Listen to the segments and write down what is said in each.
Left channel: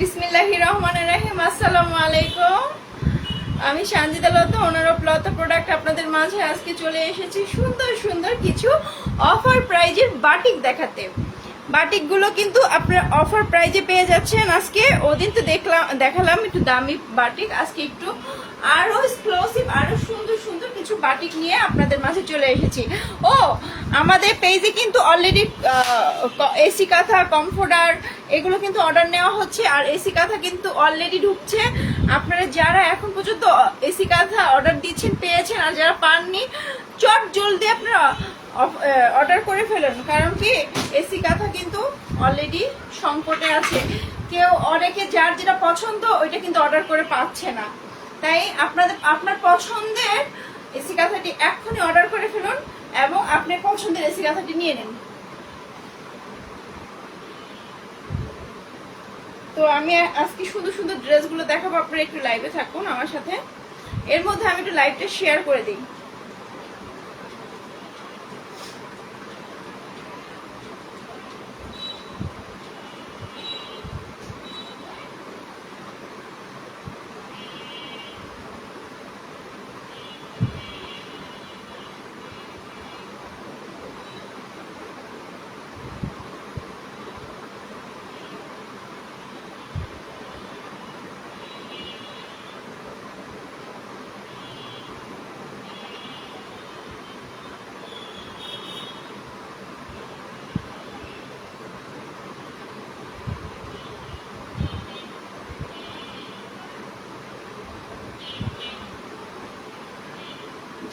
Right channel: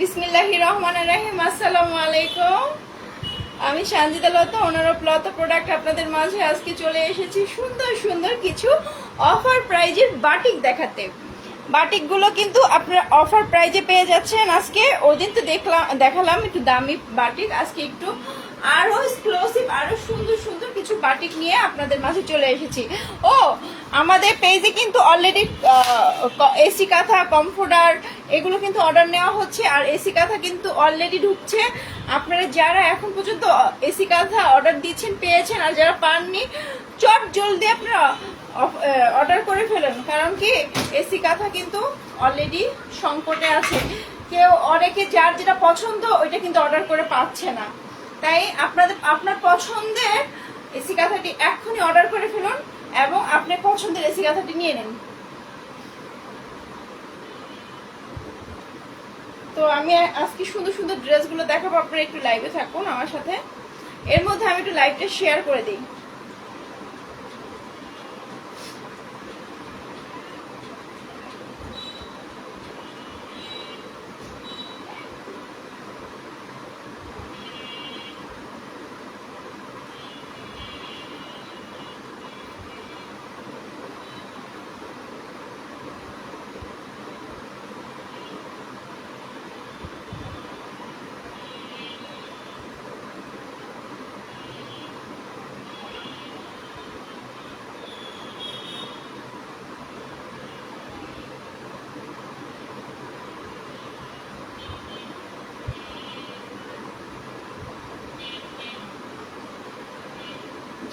বিসমিল্লাহির রহমানির রহিম। আসসালামু আলাইকুম। আমি সানজিদা লতা, ওনার অফ লতা প্রোডাক্ট, আপনাদের মাঝে আজকে চলে এসেছি সুন্দর সুন্দর কিছু অফার প্রাইজের বাটিক দেখাতে। বাটিক গুলো কিন্তু আপনারা অফার প্রাইজে পেয়ে যাচ্ছেন। আজকে ওদিন তো দেখালাম একটু দামি বাটিক, আজকে একটু আরো এক্সক্লুসিভ আরো সুন্দর সুন্দর কিছু বাটিক নিয়ে আপনাদের মাঝে চলে এসেছি। ও আমাদের পেজে কিন্তু অলরেডি এসি কাঁথা, কমফোর্টার এগুলো কিন্তু অর্ডার নেওয়া হচ্ছে, আর এসি কাঁথা কিন্তু অলরেডি ঢুকছে। আপনারা যারা এখন পর্যন্ত এসি কাঁথা অর্ডার দিচ্ছেন পেয়েছেন, আর যারা পাননি চট জলদি আপনারা অর্ডার করে ফেলেন, কারণ কি এসি কাঁথা কিন্তু অলরেডি সংকটে আছে। কেউ অনেকে যার যেটা পছন্দ ওইটা কিন্তু অর্ডার করে পাচ্ছে না, তাই আপনার পছন্দের এসি কাঁথাটি এক্ষুনি অর্ডার করে ফেলুন এবং আপনার পছন্দের এসি কাঁথাটি নিয়ে নেন। তো আমি আজকে সুন্দর সুন্দর ড্রেসগুলো দেখাবো, আপনারা একটু লাইভে থাকুন আমার সাথে। এর মধ্যে আমি একটু লাইভটা শেয়ার করে দিই।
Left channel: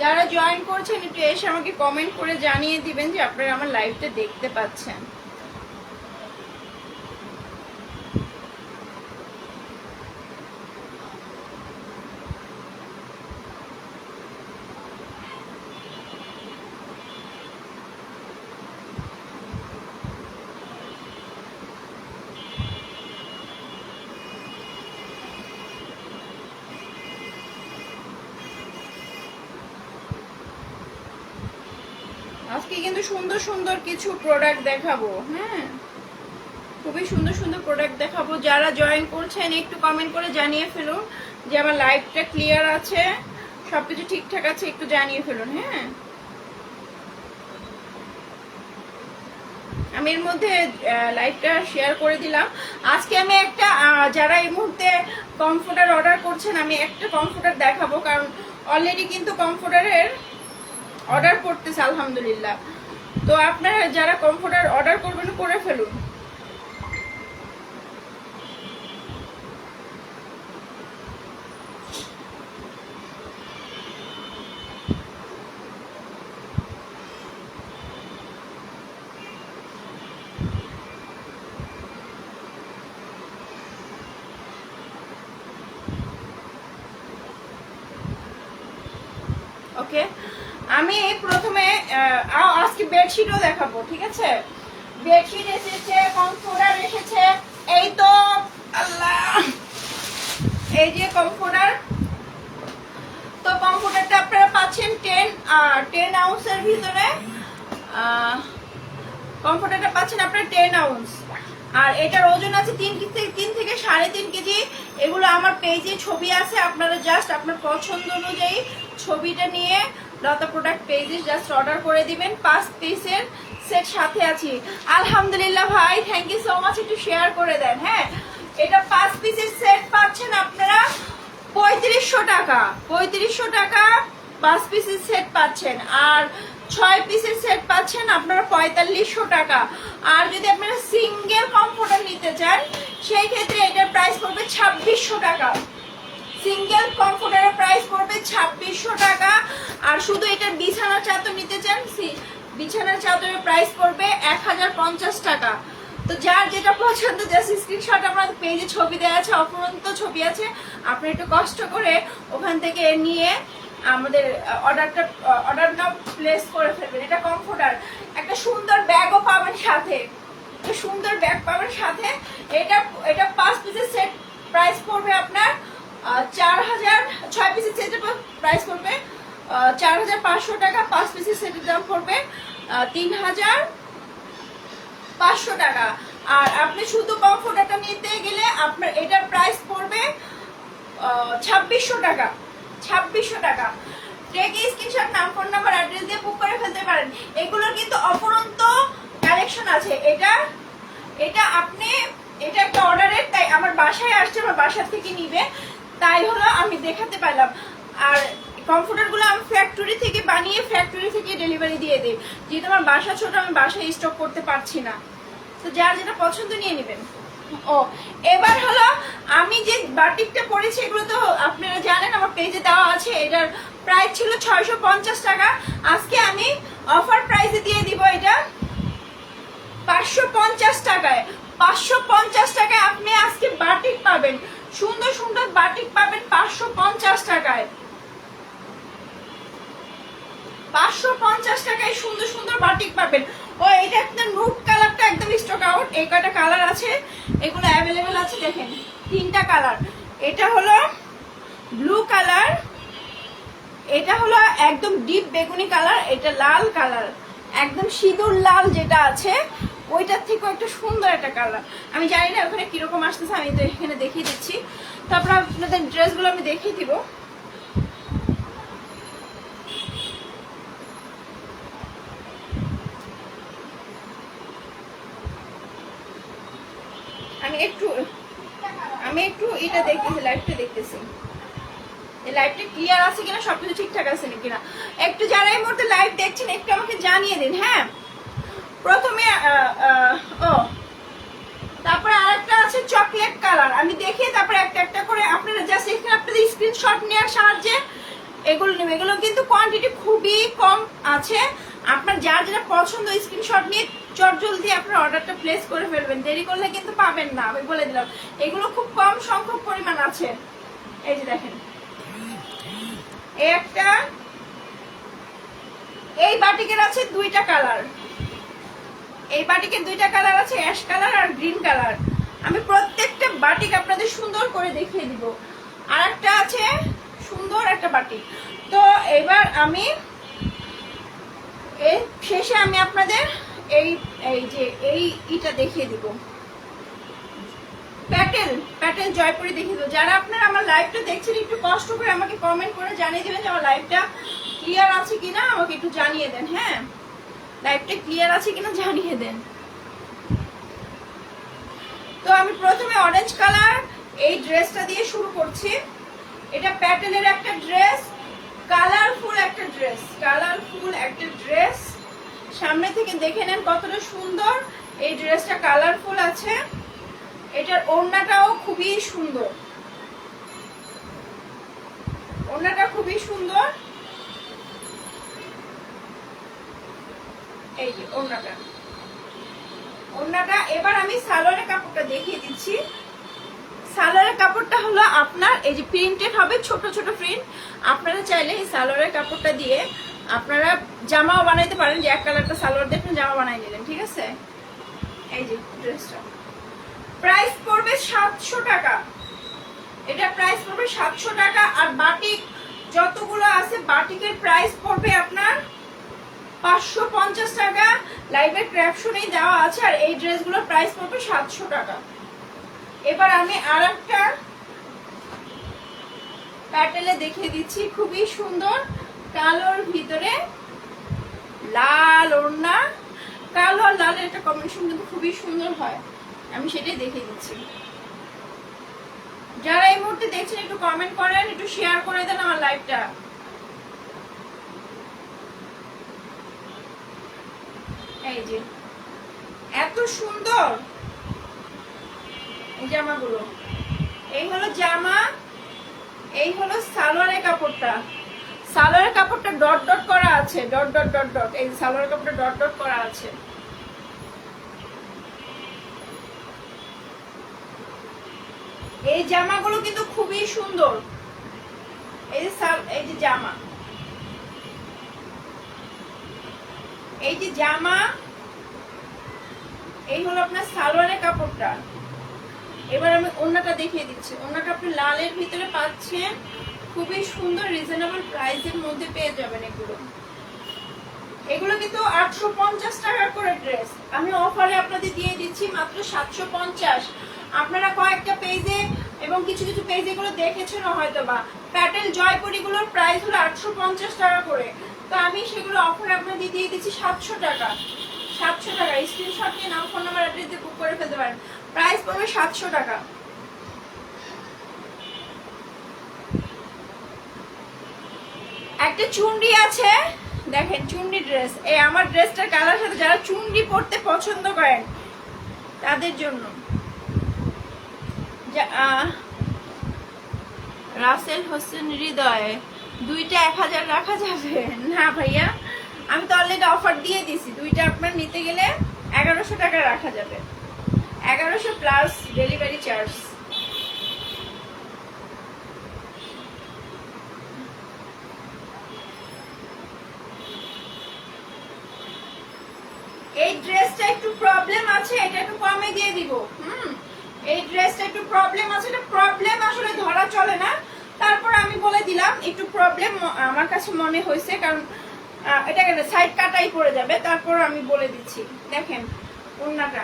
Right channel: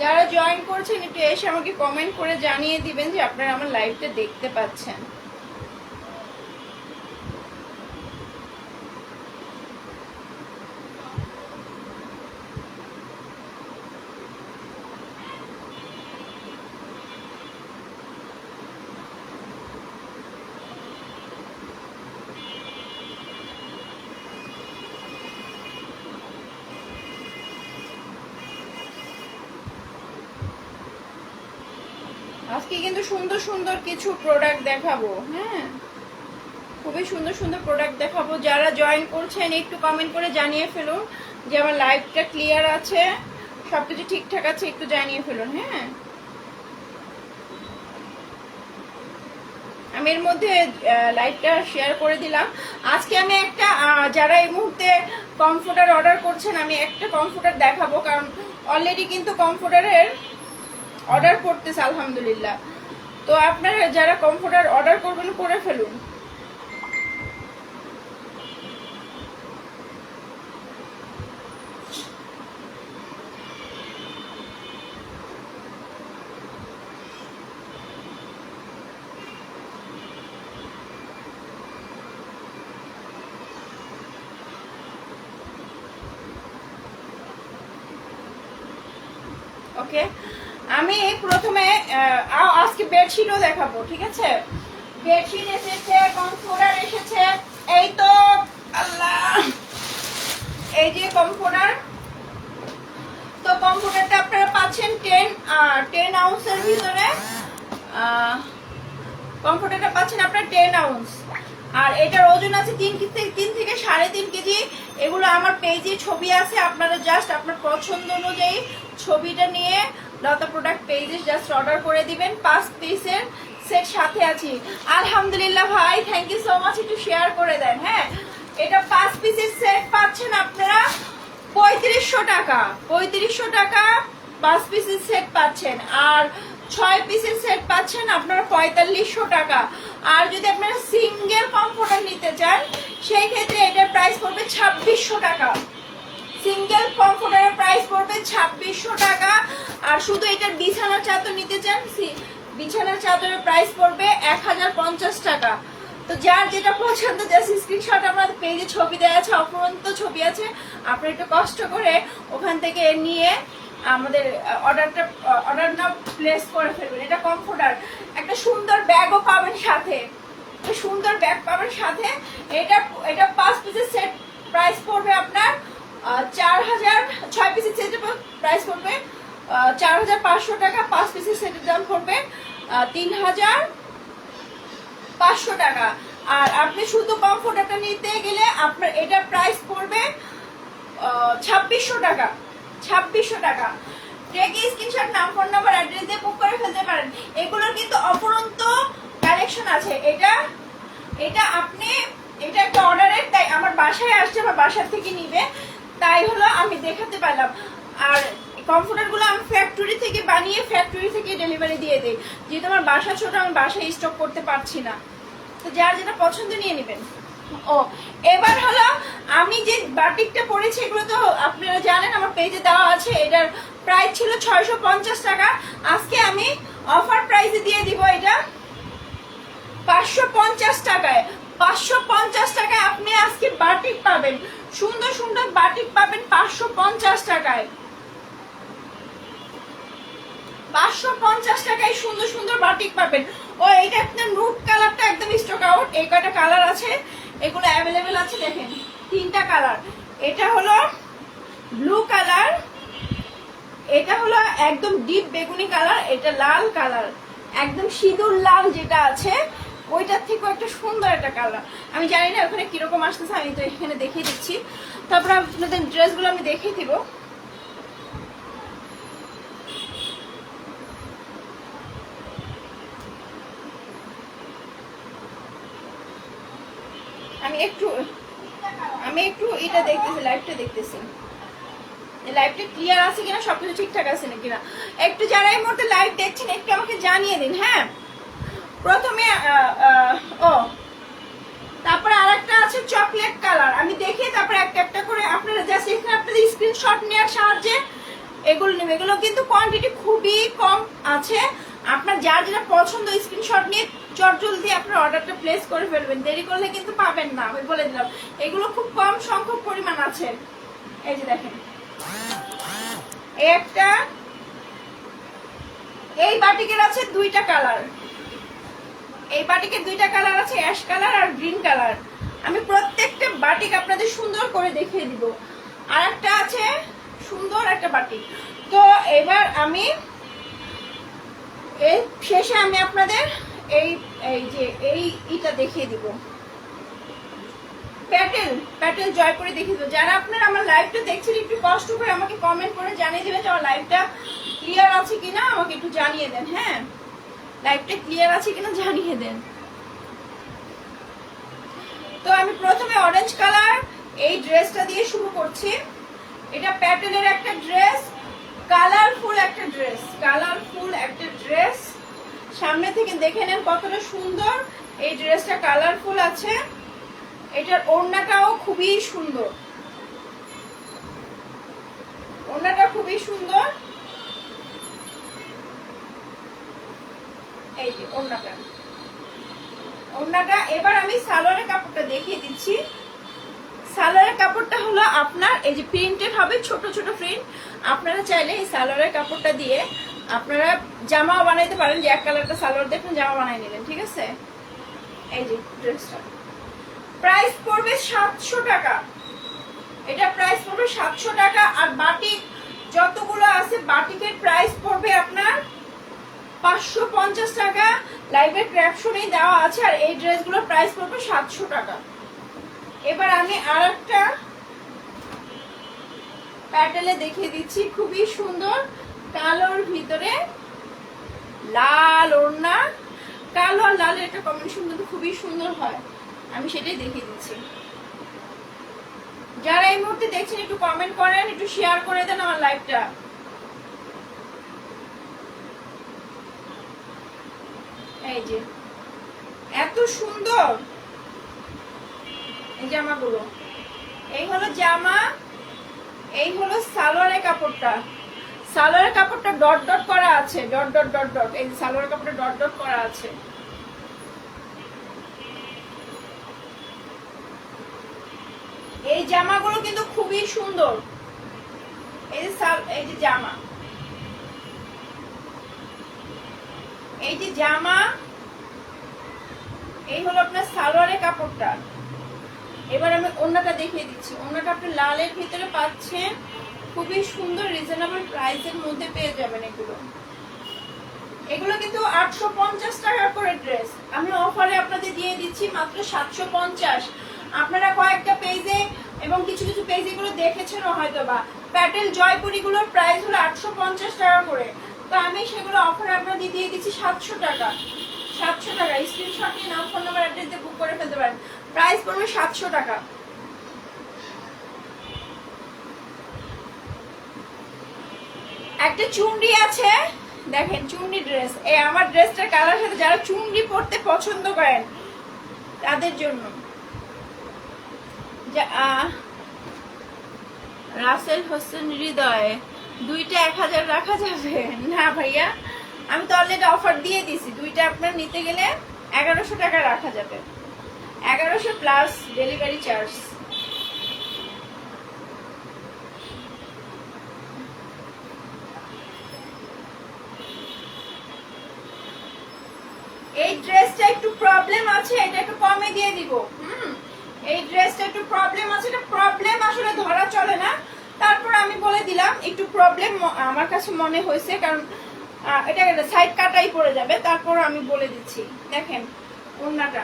যারা জয়েন করছেন একটু এসে আমাকে কমেন্ট করে জানিয়ে দিবেন যে আপনারা আমার লাইভটা দেখতে পাচ্ছেন। আজকে কিন্তু সুন্দর সুন্দর কিছু প্রোডাক্ট দেখাবো। হ্যাঁ, খুবই সুন্দর সুন্দর প্রোডাক্ট দেখাবো। যারা জয়েন করছেন একটু কমেন্ট করে জানিয়ে ফেলুন যে আমার লাইভটা ক্লিয়ার আছে, সবকিছু ঠিকঠাক আছে, একটু জানিয়ে ফেলুন। হ্যাঁ, আমি এর মধ্যে লাইভটা শেয়ার করে দিলাম। আজকে আমি একটা যারা এই মুহূর্তে কমফোর্টার অর্ডার করছেন, আমি একটা কমফোর্টার দেখাবো, কারণ অলরেডি কিন্তু কমফোর্টারের অর্ডার করতেছে আলহামদুলিল্লাহ। তো আপনারা যারা কমফোর্টার অর্ডার করবেন করে ফেলুন। ওকে, আমি প্রথমে আজকে বেডশিটও দেখাবো, ঠিক আছে? বেডশিট এসেছে, কমফোর্টার এসেছে, এই তো আল্লাহ, এই যে কমফোর্টার। তো কমফোর্টারটা আপনারা পাচ্ছেন 10 আউন্সের ভিতরে। কমফোর্টারটা পাচ্ছেন আপনারা 10 আউন্স, আর এটার ওজন আছে 3 থেকে 3.5 কেজি। এগুলো আমার পেজে ছবি আছে, আপনারা জাস্ট আপনার পছন্দ অনুযায়ী ছবিটা নিয়ে লতা প্রোডাক্ট পেজে জাস্ট অর্ডার করে দিবেন। 5 পিসের সেট সাথে আছে। আলহামদুলিল্লাহ ভাই, থ্যাংক ইউ সো মাচ, একটু শেয়ার করে দেন। হ্যাঁ, এটা 5 পিসের সেট পাচ্ছেন আপনারা 3500 টাকা। 3500 টাকা 5 পিসের সেট পাচ্ছেন, আর 6 পিসের সেট পাচ্ছেন আপনারা 4500 টাকা। আর যদি আপনারা সিঙ্গেল কমফোর্টার নিতে চান সেই ক্ষেত্রে এটার প্রাইস পড়বে 2600 টাকা। সিঙ্গেল কমফোর্টারের প্রাইস পড়বে 2600 টাকা। আর শুধু এটার বিছানার চাদর নিতে চান, বিছানার চাদরের প্রাইস পড়বে 1050 টাকা। তো যার যেটা পছন্দ জাস্ট স্ক্রিনশট আমাদের পেজে ছবি দেওয়া আছে, অপরন্ত ছবি আছে, আপনি একটু কষ্ট করে ওখান থেকে নিয়ে আমাদের অর্ডারটা প্লেস করে ফেলবেন। এটা কমফোর্টার, একটা সুন্দর ব্যাগও পাবেন সাথে, সুন্দর ব্যাগ পাবেন সাথে। এটা 5 পিসের সেট প্রাইস পড়বে আপনার 4000। 6 পিসের সেটের প্রাইস পড়বে 4500 টাকা। 5 পিসের সেটের দাম পড়বে 3500 টাকা। আর আপনি শুধু কমফোর্টারটা নিতে গেলে আপনার এটার প্রাইস পড়বে 2600 টাকা। 2600 টাকা। দেখে স্ক্রিনশট, নাম, ফোন নাম্বার, অ্যাড্রেস দিয়ে বুক করে ফেলতে পারেন। এগুলোর কিন্তু অপরন্ত কালেকশন আছে। এটা আপনি এটা একটা অর্ডারের, তাই আমার বাসায় আসছে, আমার বাসা থেকে নিবে, তাই হলো আমি দেখাতে পারলাম। আর কমফোর্টার গুলো আমি ফ্যাক্টরি থেকে বানিয়ে ফ্যাক্টরি থেকে ডেলিভারি দিয়ে দিই, যেহেতু আমার বাসা ছোট, আমি বাসায় স্টক করতে পারছি না। তো যার যেটা পছন্দ নিয়ে নেবেন। ও এবার হলো আমি যে বাটিকটা পরেছি, এগুলো তো আপনারা জানেন, আমার পেজে দেওয়া আছে। এটার প্রাইস ছিল 650 টাকা। আজকে আমি অফার প্রাইসে দিয়ে দিব এটা 550 টাকায়। 550 টাকায় আপনি আজকে বাটিক পাবেন, সুন্দর সুন্দর বাটিক পাবেন 550 টাকায়। 550 টাকায় সুন্দর সুন্দর বাটিক পাবেন। ও এটা একটা নুড কালারটা একদম স্টক আউট। এই কয়টা কালার আছে, এগুলো অ্যাভেলেবেল আছে। দেখেন 3টা কালার। এটা হলো ব্লু কালার, এটা হলো একদম ডিপ বেগুনি কালার, এটা লাল কালার, একদম সিঁদুর লাল যেটা আছে ওইটার থেকে একটা সুন্দর একটা কালার। আমি জানি না ওখানে কিরকম আসতেছে, আমি তো এখানে দেখিয়ে দিচ্ছি। তারপর আপনাদের ড্রেসগুলো আমি দেখিয়ে দিব। আমি একটু এটা দেখতেছি, লাইভটা দেখতেছি, লাইভটা ক্লিয়ার আছে কিনা, সবকিছু ঠিকঠাক আছে নাকি না। একটু যারা এই মুহূর্তে লাইভ দেখছেন একটু আমাকে জানিয়ে দিন। হ্যাঁ, প্রথমে তারপরে আরেকটা আছে চকলেট কালার, আমি দেখে তারপরে একটা একটা করে আপনারা জাস্ট এখানে আপনাদের স্ক্রিনশট নেওয়ার সাহায্যে এগুলো নেবেন। এগুলো কিন্তু কোয়ান্টিটি খুবই কম আছে। আপনার যার যেটা পছন্দ স্ক্রিনশট নিয়ে চটজলদি আপনার অর্ডারটা প্লেস করে ফেলবেন, দেরি করলে কিন্তু পাবেন না, আমি বলে দিলাম। এগুলো খুব কম সংখ্যক পরিমাণ আছে। এই যে দেখেন একটা, এই বাটিকের আছে 2টা কালার, এই বাটিকের 2টা কালার আছে, অ্যাশ কালার আর গ্রিন কালার। আমি প্রত্যেকটা বাটিক আপনাদের সুন্দর করে দেখিয়ে দিব। আর একটা আছে সুন্দর একটা বাটিক। তো এবার আমি এই শেষে আমি আপনাদের এইটা দেখিয়ে দিব, প্যাটেল জয়পুরি দেখিয়ে দিব। যারা আপনারা আমার লাইভটা দেখছেন একটু কষ্ট করে আমাকে কমেন্ট করে জানিয়ে দিবেন যে আমার লাইভটা ক্লিয়ার আছে কিনা, আমাকে একটু জানিয়ে দেন। হ্যাঁ, লাইভটা ক্লিয়ার আছে কিনা জানিয়ে দেন। তো আমি প্রথমে অরেঞ্জ কালার এই ড্রেসটা দিয়ে শুরু করছি। এটা প্যাটেলের একটা ড্রেস, কালারফুল একটা ড্রেস, কালারফুল একটা ড্রেস। সামনে থেকে দেখে নেন কতটা সুন্দর এই ড্রেসটা, কালারফুল আছে। এটার ওড়নাটাও খুবই সুন্দর, ওড়নাটা খুবই সুন্দর। এই যে ওড়নাটা। এবার আমি সালোয়ারের কাপড়টা দেখিয়ে দিচ্ছি। সালোয়ারের কাপড়টা হলো আপনার এই যে প্রিন্টেড হবে, ছোট ছোট প্রিন্ট। আপনারা চাইলে এই সালোয়ারের কাপড়টা দিয়ে আপনারা জামাও বানাইতে পারেন, যে এক কালারটা সালোয়ার দেখুন জামা বানাই নিলেন, ঠিক আছে। এই যে ড্রেসটা প্রাইস পড়বে 700 টাকা। এটা প্রাইস পড়বে 700 টাকা। আর বাটিক যতগুলো আছে বাটিকের প্রাইস পড়বে আপনার 550 টাকা। লাইভের ক্যাপশনেই দেওয়া আছে। আর এই ড্রেসগুলোর প্রাইস পড়বে 700 টাকা। এবার আমি আরেকটা প্যাটেলে দেখিয়ে দিচ্ছি, খুবই সুন্দর, কালোর ভিতরে লাল ওড়না, কালো আর লালের একটা কম্বিনেশন কিন্তু খুবই সুন্দর হয়। আমি সেটাই দেখিয়ে দিচ্ছি। যারা এই মুহূর্তে দেখছেন একটু কমেন্ট করেন, একটু শেয়ার করে দেন আমার লাইভটা। এই যে এত সুন্দর এই জামাগুলো। এই হলো জামা, এই হলো সালোয়ারের কাপড়টা। সালোয়ারের কাপড়টা ডট ডট করা আছে, ডট ডট ডট ডট। এই সালোয়ারের কাপড়টা ডট ডট করা আছে। এই জামাগুলো কিন্তু খুবই সুন্দর। এই যে জামা, এই যে জামা, এই হলো আপনার সালোয়ারের কাপড়টা। এবার আমি ওড়নাটা দেখিয়ে দিচ্ছি। ওড়নাটা আপনি লালের ভিতরে পাচ্ছেন, খুবই সুন্দর, রিজনেবল প্রাইসের মধ্যে পেয়ে যাবেন এগুলো। এগুলো কিন্তু 850 টাকা করে ড্রেস, আমি অফারে আপনাদের দিয়ে দিচ্ছি মাত্র 750। আপনারা কয়েকটা পেজে এবং কিছু কিছু পেজে এগুলো দেখেছেন হয়তো বা, প্যাটেল জয়পুরি গুলোর প্রাইস হলো 850 টাকা করে, তো আমি সেগুলো অফারে আপনাদের দিয়ে দিচ্ছি 700 টাকা। 700 টাকা স্ক্রিনশট নিয়ে নাম ফোন নাম্বার অ্যাড্রেস দিয়ে বুক করে ফেলতে পারেন, প্রাইস পড়বে 700 টাকা। একটা চুনরি আছে, দেখেন চুনরি ড্রেস, এই আমার ড্রেসটার কালার সাথে যারা চুনরি পরতে পছন্দ করেন তাদের জন্য। রাসেল হোসেন হৃদয়, দুইটা 1000 রাখা যাবে না ভাইয়া? আমি তো অলরেডি অফার দিয়ে দিছি, দুইটা আপনার নিতে গেলে 1100 টাকা রাখা যাবে, 1100 প্লাস ডেলিভারি চার্জ। এই ড্রেসটা একটু প্রবলেম আছে, এটা একটু কমে দিয়ে দিব। এই ড্রেসটা একটু প্রবলেম আছে, এটা প্রবলেম আসলে ধরা চলে না, তারপর আমি বলে দিলাম একটু প্রবলেম আমার কাছে মনে হয়েছে, কারণ এটা সাইড কাটাই পড়ে যাবে, তারপর আমি বলে দিচ্ছি। দেখেন ওড়নাটা,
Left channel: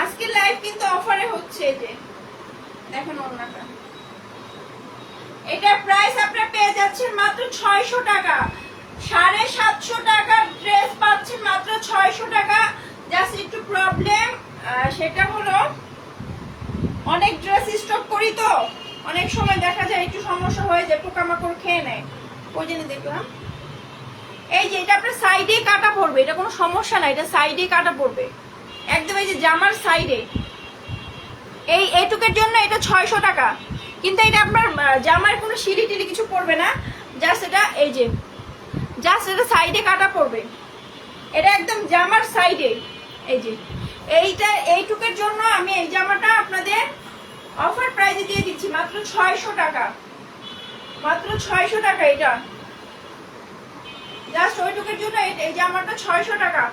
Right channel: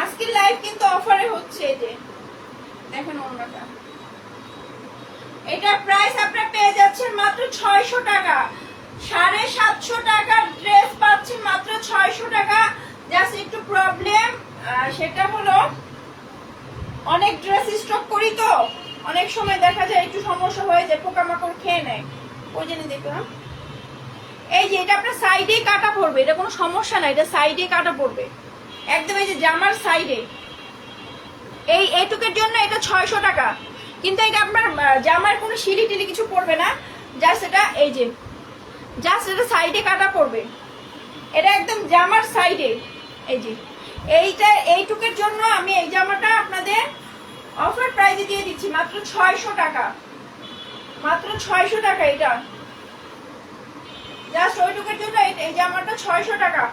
আজকের লাইভ কিন্তু অফারে হচ্ছে, এই যে দেখেন ওড়নাটা, এটা প্রাইস আপনারা পেয়ে যাচ্ছেন মাত্র 600 টাকা। 750 টাকার ড্রেস পাচ্ছেন মাত্র 600 টাকা। জাস্ট একটু প্রবলেম সেটা হলো অনেক ড্রেস স্টক করি তো অনেক সময় দেখা যায় একটু সমস্যা হয়ে যায়, পোকামাকড় খেয়ে নেয়, ওই জন্য দেখলাম। এই যে এটা আপনার সাইডে কাটা পড়বে, এটা কোনো সমস্যা নাই, এটা সাইডে কাটা পড়বে একদম, এই যে জামার সাইডে, এই এইটুকের জন্য এটা 600 টাকা। কিন্তু এটা আপনার জামার কোনো সিঁড়ি টিলি কিছু পড়বে না, জাস্ট এটা এই যে জাস্ট এটা সাইডে কাটা পড়বে, এটা একদম জামার সাইডে। এই যে এইটুকের জন্য আমি এই জামাটা আপনাদের অফার প্রাইসে দিয়ে দিচ্ছি মাত্র 600 টাকা, মাত্র 600 টাকা। এটা জাস্ট ওইটুকের জন্য এই জামাটা 600 টাকা।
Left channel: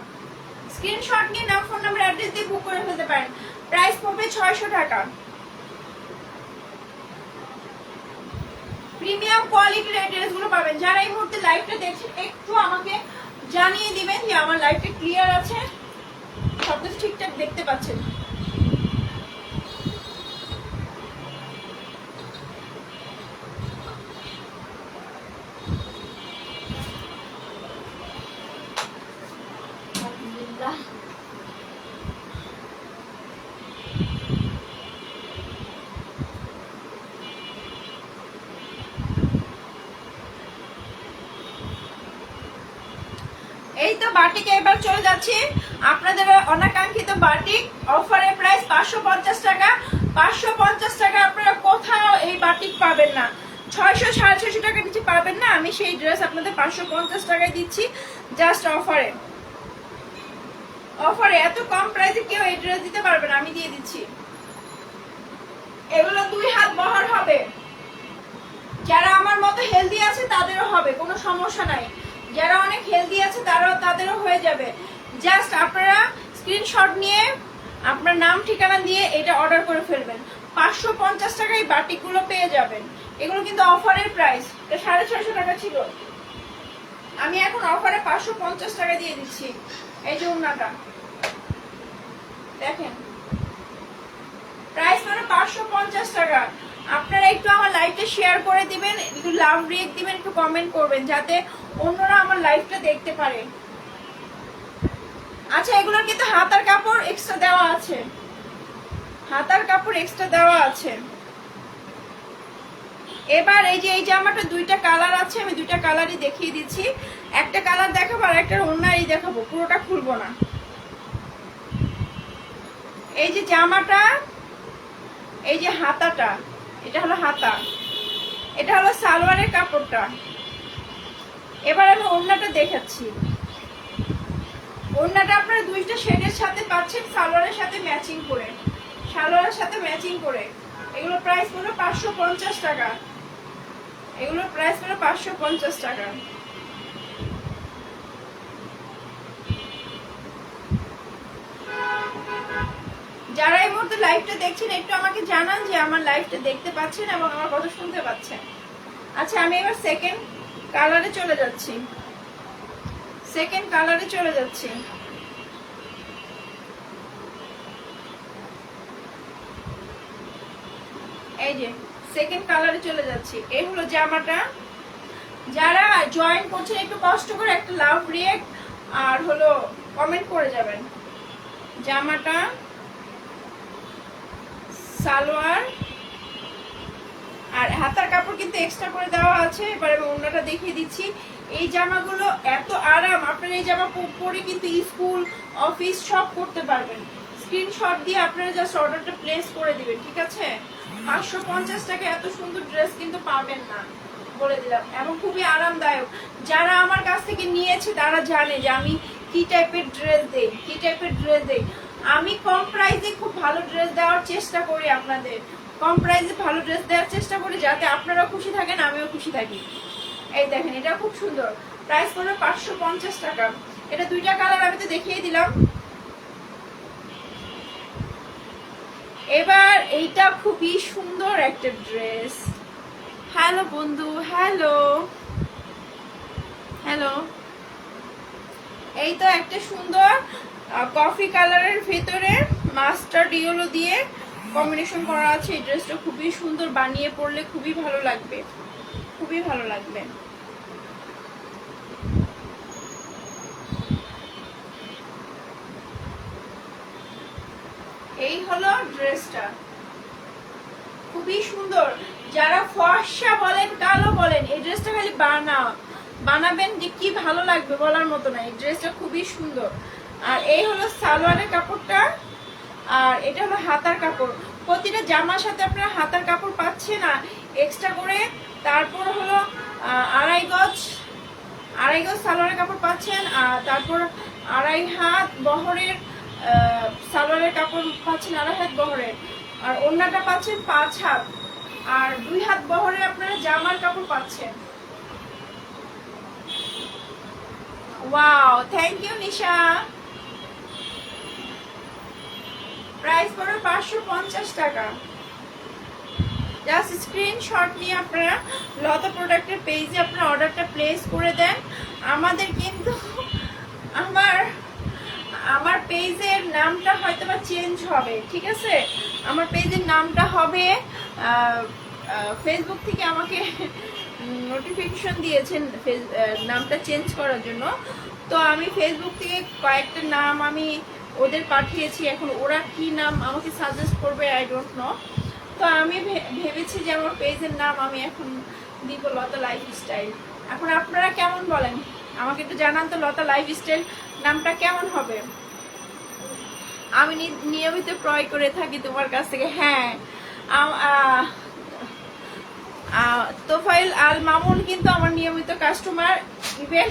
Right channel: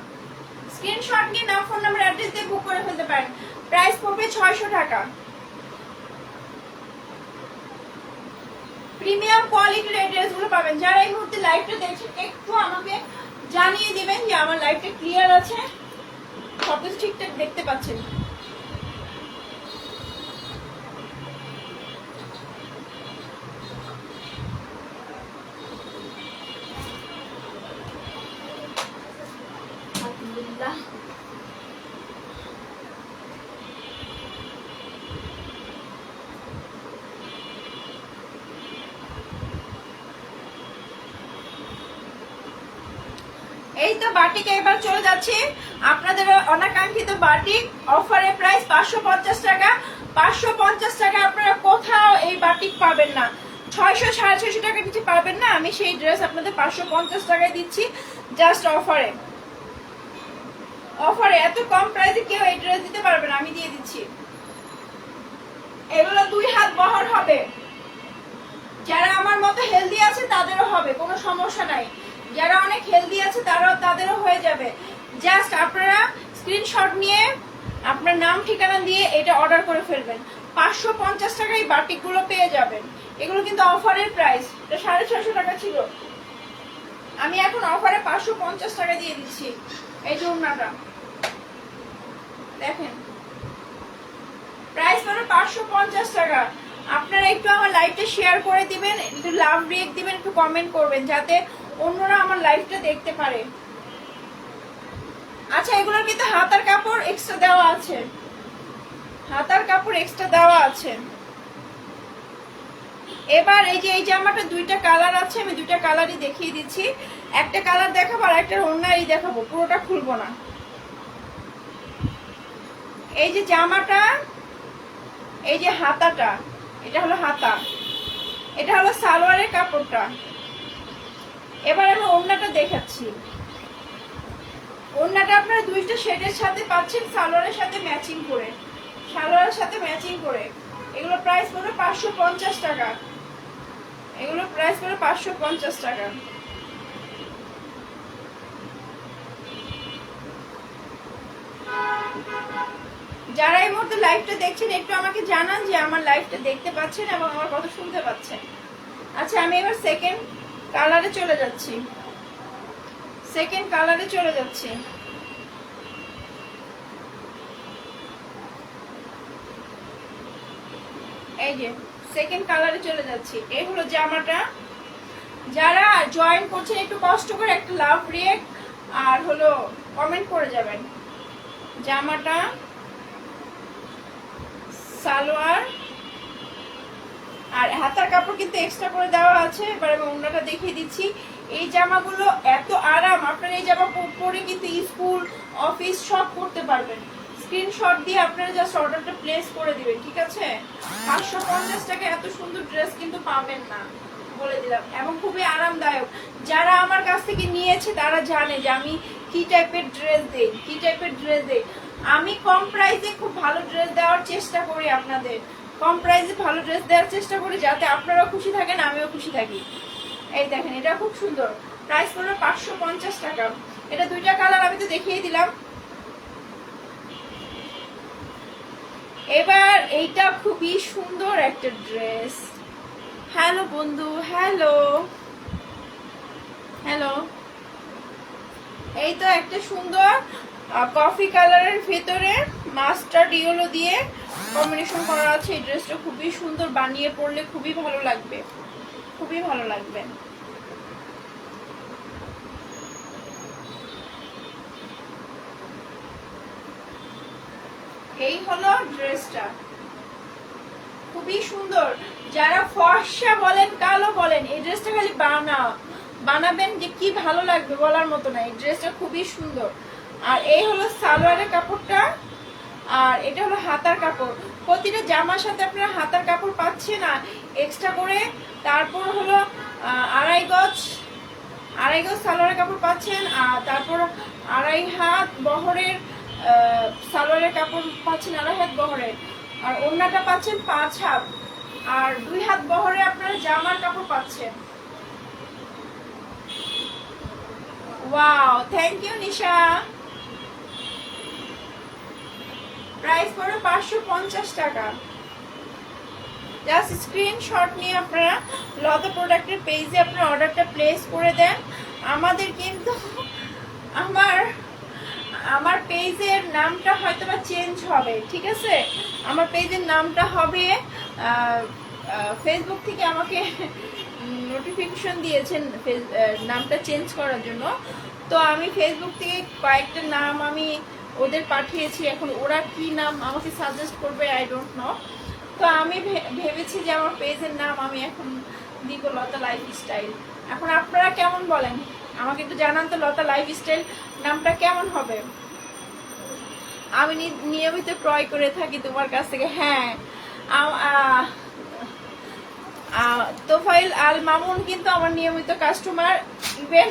স্ক্রিনশট নিয়ে নাম ফোন নাম্বার অ্যাড্রেস দিয়ে বুক করে ফেলতে পারেন, প্রাইস পড়বে 600 টাকা। প্রিমিয়াম কোয়ালিটির এই ড্রেসগুলো পাবেন। যারা এই মুহূর্তে লাইভটা দেখছেন একটু আমাকে জানিয়ে দিবেন যে আমার লাইভটা ক্লিয়ার আছে, সবকিছু ঠিকঠাক দেখতে পাচ্ছেন। এই তো বাটিক, এবার চলে যাচ্ছি আপনাদের অনাকাঙ্ক্ষিত বাটিক অফারে প্রাইস 550 টাকা। 550 টাকা আপনারা কোথাও এই বাটিক পাবেন না, 600 650 টাকা কিছু পাবেন না। আমি সেই ড্রেস আপনাদের 550 টাকায় দিচ্ছি, জাস্ট অফারে। অফারে এত কম প্রাইসে কেউ এই ড্রেস দিতে পারবে না, আমি দিয়ে দিচ্ছি। এগুলো 2 হাত বহর হবে, যারা আমার মতো হেলদি আছে তাদেরও হবে, কোনো সমস্যা নাই। যারা অনেক হেলদি আছে তাদেরও হয়ে যাবে। জাস্ট আপনারা স্ক্রিনশট নিয়ে আপনার নাম ঠিকানা দিয়ে এটা অর্ডার করে ফেলবেন, 550 টাকায় বাটিকগুলো পেয়ে যাবেন। এগুলো কিন্তু অফারের প্রাইস, এটা 650 টাকা ছিল, আমি এখন অফারে 550 টাকা দিয়ে দিচ্ছি। এই যে ওড়নাটা দেখেন, প্রাইস মানে 550 টাকা। আপনারা একটু আমার লাইভটা শেয়ার করে দিবেন, একটু লাভ রিয়েক্ট দিবেন, একটু কমেন্ট করবেন যাতে অন্যরা আমার লাইভটা দেখতে পারে। আচ্ছা, এগুলোর কিন্তু হাতার কাপড় এক্সট্রা দেওয়া আছে, হাতার কাপড় এক্সট্রা দেওয়া আছে। এবার এই যে এই জামাটা 2টা কালার আছে, আমি 2টা কালারই দেখিয়ে দিচ্ছি। একটা কালার দেখাবো আর একটা অন্যই দেখাবো, পুরোটা খুলবো না। এই যে জামাটা, এই যে হাতাটা, এটা হলো হাতা, এটা হলো সালোয়ারের কাপড়টা। এবার আমি ওড়নাটা দেখাচ্ছি। ওড়নাটা আপনারা 2টা শেডের সাথে পাচ্ছেন, সালোয়ারের সাথে ম্যাচিং করে, সালোয়ারের সাথে ম্যাচিং করে। এগুলো প্রাইস পড়বে 550 টাকা, এগুলো প্রাইস পড়বে 550 টাকা। যারা এই মুহূর্তে লাইভটা দেখছেন একটু আমাকে জানান যে আমার লাইভটা দেখতে পাচ্ছেন এবং আমার কথা শুনতে পাচ্ছেন। আচ্ছা, আমি এবার সেকেন্ড কালারে চলে যাচ্ছি, সেকেন্ড কালারে চলে যাচ্ছি। এই যে সেকেন্ড কালারে চলে যাচ্ছি। এই হলো জামাটা। যারা জয়েন করছেন একটু কষ্ট করে একটা লাভ রিয়েক্ট আর হলো কমেন্ট করে যাবেন। জামাটা, সালোয়ার আর হাতার কাপড় কিন্তু এক্সট্রা করে দেওয়া আছে। এবার আমি অন্যটা দেখিয়ে দিচ্ছি। এই জামাগুলো এত আরাম, আপনারা এই জামা পরে কিন্তু স্কুল অফিস সব করতে পারবেন। স্ক্রিনশট দিয়ে আপনারা জাস্ট অর্ডারটা প্লেস করে দিবেন, ঠিক আছে? 550 টাকা এত সুন্দর ড্রেস কিন্তু পাবেন না, বলে দিলাম, এবং খুবই আরামদায়ক। যারা আমার কাছ থেকে নিয়েছে তারা জানে যে আমি কি টাইপের ড্রেস দেই, কি টাইপের ড্রেস দেই। আমি কম প্রাইসে খুব ভালো ড্রেস দেওয়ার চেষ্টা করি, আপনাদের কম প্রাইসে ভালো ড্রেস দেওয়ার চেষ্টা করি, যাতে আপনারাও খুশি থাকেন আমিও খুশি থাকি। এই দেখেন, এটা খুব সুন্দর, প্রাইস পড়বে 550 টাকা। এটা দুইটা কালার আমি তো দেখিয়ে দিলাম। এবার এইটা খুবই সুন্দর একটা ড্রেস। হ্যালো বন্ধু, হ্যালো হ্যালো। এই তো একটা সুন্দর কফি কালারের ভেতরে মাস্টার্ড ইয়েলো দিয়ে কম্বিনেশন করা আছে। এই ড্রেসটা খুবই সুন্দর, বানিয়ে পরলে খুবই ভালো লাগবে, খুবই ভালো লাগবে। এই হলো ড্রেসটা, খুবই সুন্দর। যারা ফর্সা বলেন কালো বলেন, এই ড্রেসটা খালি বানাবেন যে কি ভালো লাগবে বলার মতো না। এই ড্রেসটা খুবই সুন্দর। আর এই হলো সালোয়ারের কাপড়টা, আর এটা হলো হাতার কাপড়। প্রতিটা জামার সাথে আপনারা হাতার কাপড় পাচ্ছেন না এক্সট্রা করে। তারপর হলো আড়াই গজ সালোয়ারের কাপড় পাচ্ছেন, আর তারপর আড়াই হাত বহরের সালোয়ারের কাপড় পাচ্ছেন, আড়াই হাত বহরের। আর ওড়নাটা পাচ্ছেন 5 হাত, আর 2 হাত বহরে আপনারা জামার কাপড় পাচ্ছেন। Wow, thank you Nisha. Price পড়বে 550 টাকা। জাস্ট স্ক্রিনশট নিয়ে আপনারা লতা প্রোডাক্টের পেজে আপনারা অর্ডারটা প্লেস করে দেন। আমাদের কিন্তু আমার পেজের নামটা হয়তো বা চেঞ্জ হবে, ঠিক আছে? আমার পেজের নামটা হবে, ফেসবুক থেকে আমাকে নোটিফিকেশন দিয়েছেন নামটা চেঞ্জ করার জন্য। তো আমি ফেসবুক থেকে কয়েকটা নাম আমি ওদের পাঠিয়েছি, এখন ওরা কি নাম আমাকে সাজেস্ট করবে আই ডোন্ট নো। তো আমি ভেবেছি যে আমার পেজের নাম আমি এখন দিব লতা লাইফস্টাইল। এখন আপনারা কেমন বলেন আমাকে একটু জানান তো, লতা লাইফস্টাইল নামটা কেমন হবে? আমি নিয়মিত ক্রয় করে থাকি তোমার কাছ থেকে। হ্যাঁ, তোফাইল আল মামুন কিন্তু আমার নিয়মিত কাস্টমার। ইভেন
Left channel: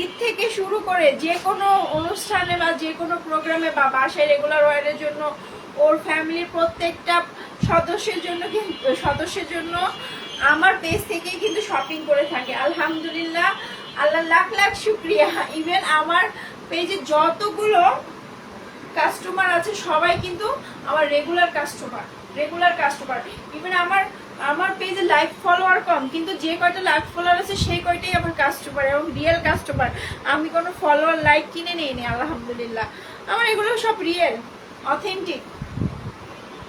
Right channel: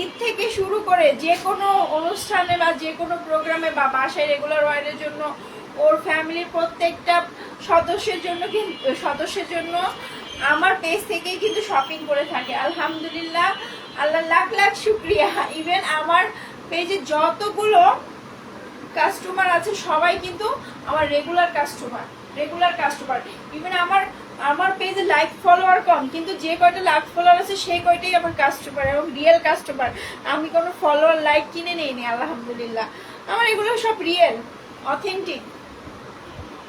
ঈদ থেকে শুরু করে যে কোনো অনুষ্ঠানে বা যে কোনো প্রোগ্রামে বা বাসায় রেগুলার ওয়ারের জন্য ওর ফ্যামিলির প্রত্যেকটা সদস্যের জন্য আমার পেজ থেকেই কিন্তু শপিং করে থাকে। আলহামদুলিল্লাহ, আল্লাহ লাখ লাখ শুক্রিয়া। ইভেন আমার পেজে যতগুলো কাস্টমার আছে সবাই কিন্তু আমার রেগুলার কাস্টমার। ইভেন আমার পেজে লাইক ফলোয়ার কম, কিন্তু যে কয়টা লাইক ফলোয়ার আছে সেই কয়টাই আমার কাস্টমার এবং রিয়েল কাস্টমার। আমি কোনো ফলোয়ার লাইক কিনে নিইনি, আলহামদুলিল্লাহ। আমার এগুলো সব রিয়েল, অথেন্টিক।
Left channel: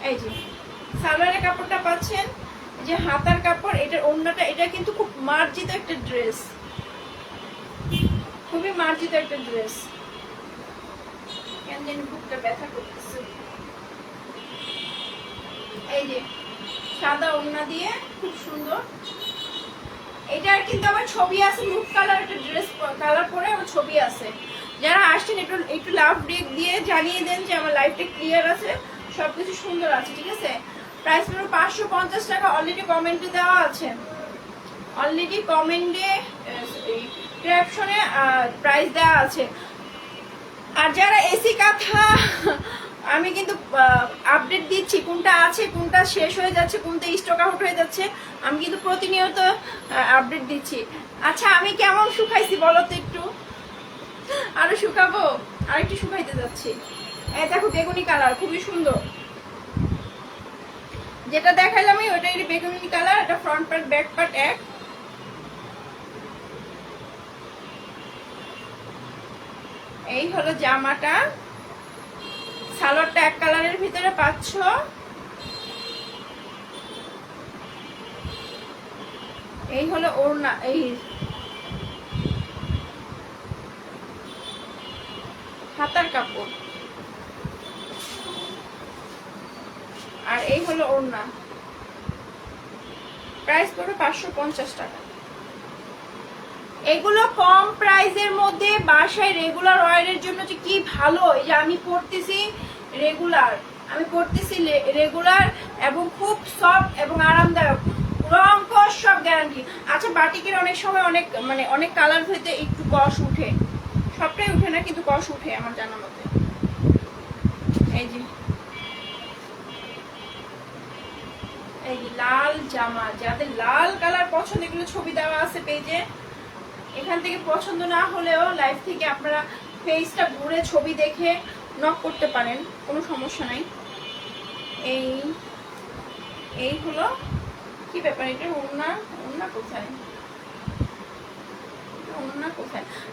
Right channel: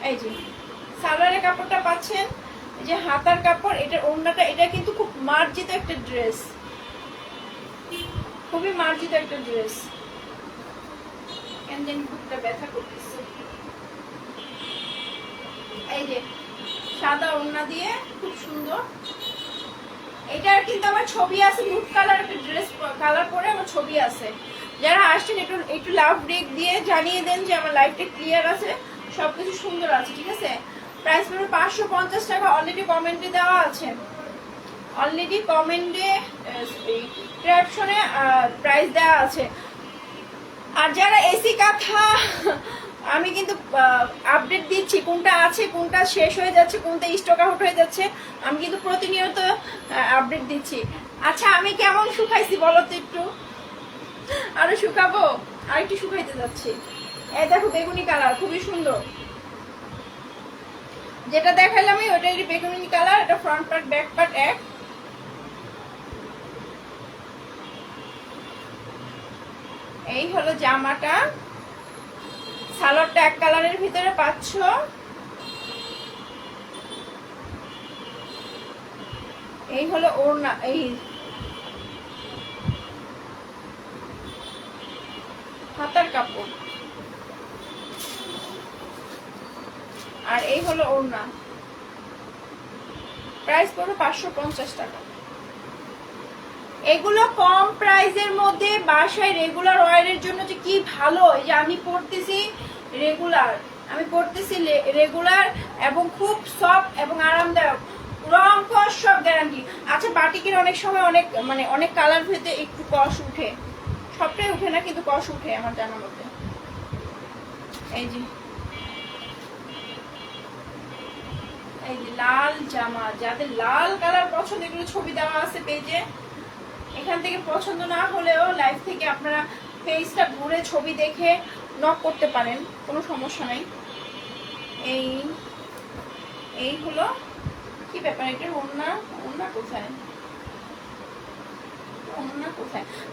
এই যে সালোয়ারের কাপড়টা পাচ্ছেন, এই যে হাতার কাপড়, এটার ওড়নাটা, এটা কিন্তু খুব মার্জিত একটা ড্রেস, খুবই মার্জিত একটা ড্রেস। বুকটা ব্যথা করতেছে। এই যে সাদা ওড়না দিয়ে খুব সুন্দর। এটার কিন্তু আমার ছবি আছে, নুট কালার একটা ড্রেস কালার পরে আমার ছবি আছে। যারা আসছেন একটু লাভ রেট দিয়ে জানিয়ে দেন যে আমার লাইফটা ক্লিয়ার আছে, সবকিছু সুন্দর আছে, ঠিক আছে? প্রাইস পড়বে 550 টাকা। অলরেডি কমেন্টে দেওয়া আছে, অলরেডি কমেন্টে ক্যাপশনে প্রাইস দেওয়া আছে। আর যারা এসি কাঁথা, আমি কিন্তু আপডেট দিচ্ছি কোনটা আছে, কোনটা শেষ হয়ে যাচ্ছে, কোনটা স্টক আউট হয়ে যাচ্ছে। আমি কিন্তু প্রতিনিয়ত আপডেট দিচ্ছি। আচ্ছা, আমি কেমন শুকাইছি বলো তো একটু? আরো শুকাবো, আর একটু শুকাইতে যাচ্ছি। এই দেখো বেগুনি কালার, খুবই সুন্দর। যেটা দেখালাম ওইটাই বেগুনি কালার। এটা ফ্রন্ট পার্ট ব্যাক পার্ট এক। এই হলো জামাটা, সালোয়ারটা এক কালারের ভিতরে পাচ্ছ। এই হলো ওড়না, এই হাতার কাপড়, আর এই হলো ওড়না। প্রাইস পড়বে 550 টাকা। এগুলো কম প্রাইসের মধ্যে বাসায় রেগুলার ওয়ারের জন্য যে কি ভালো। এই যে আমি পরতেছি রেগুলার, রেগুলার এবং খুব সফট এবং আরামদায়ক, রং কস সব গ্যারান্টি। আচ্ছা, বাটিকের অনেক সময় অনেক কালার ভেদে একটু কস উঠে, সবটাই উঠে না কিন্তু কস উঠে আমার জানার মধ্যে। এই যে লাল জামা, যাদের লাল কালার পছন্দ, এগুলো ছবি দেওয়া আছে পেজে। এখান থেকে পছন্দ না হলেও লাইভ থেকে আপনারা পেজটা ঘুরে ছবি দেখে নক করতে পারেন, কোনো সমস্যা নাই। এই হলো কি ব্যাপার, এটা ওড়না কোথায়?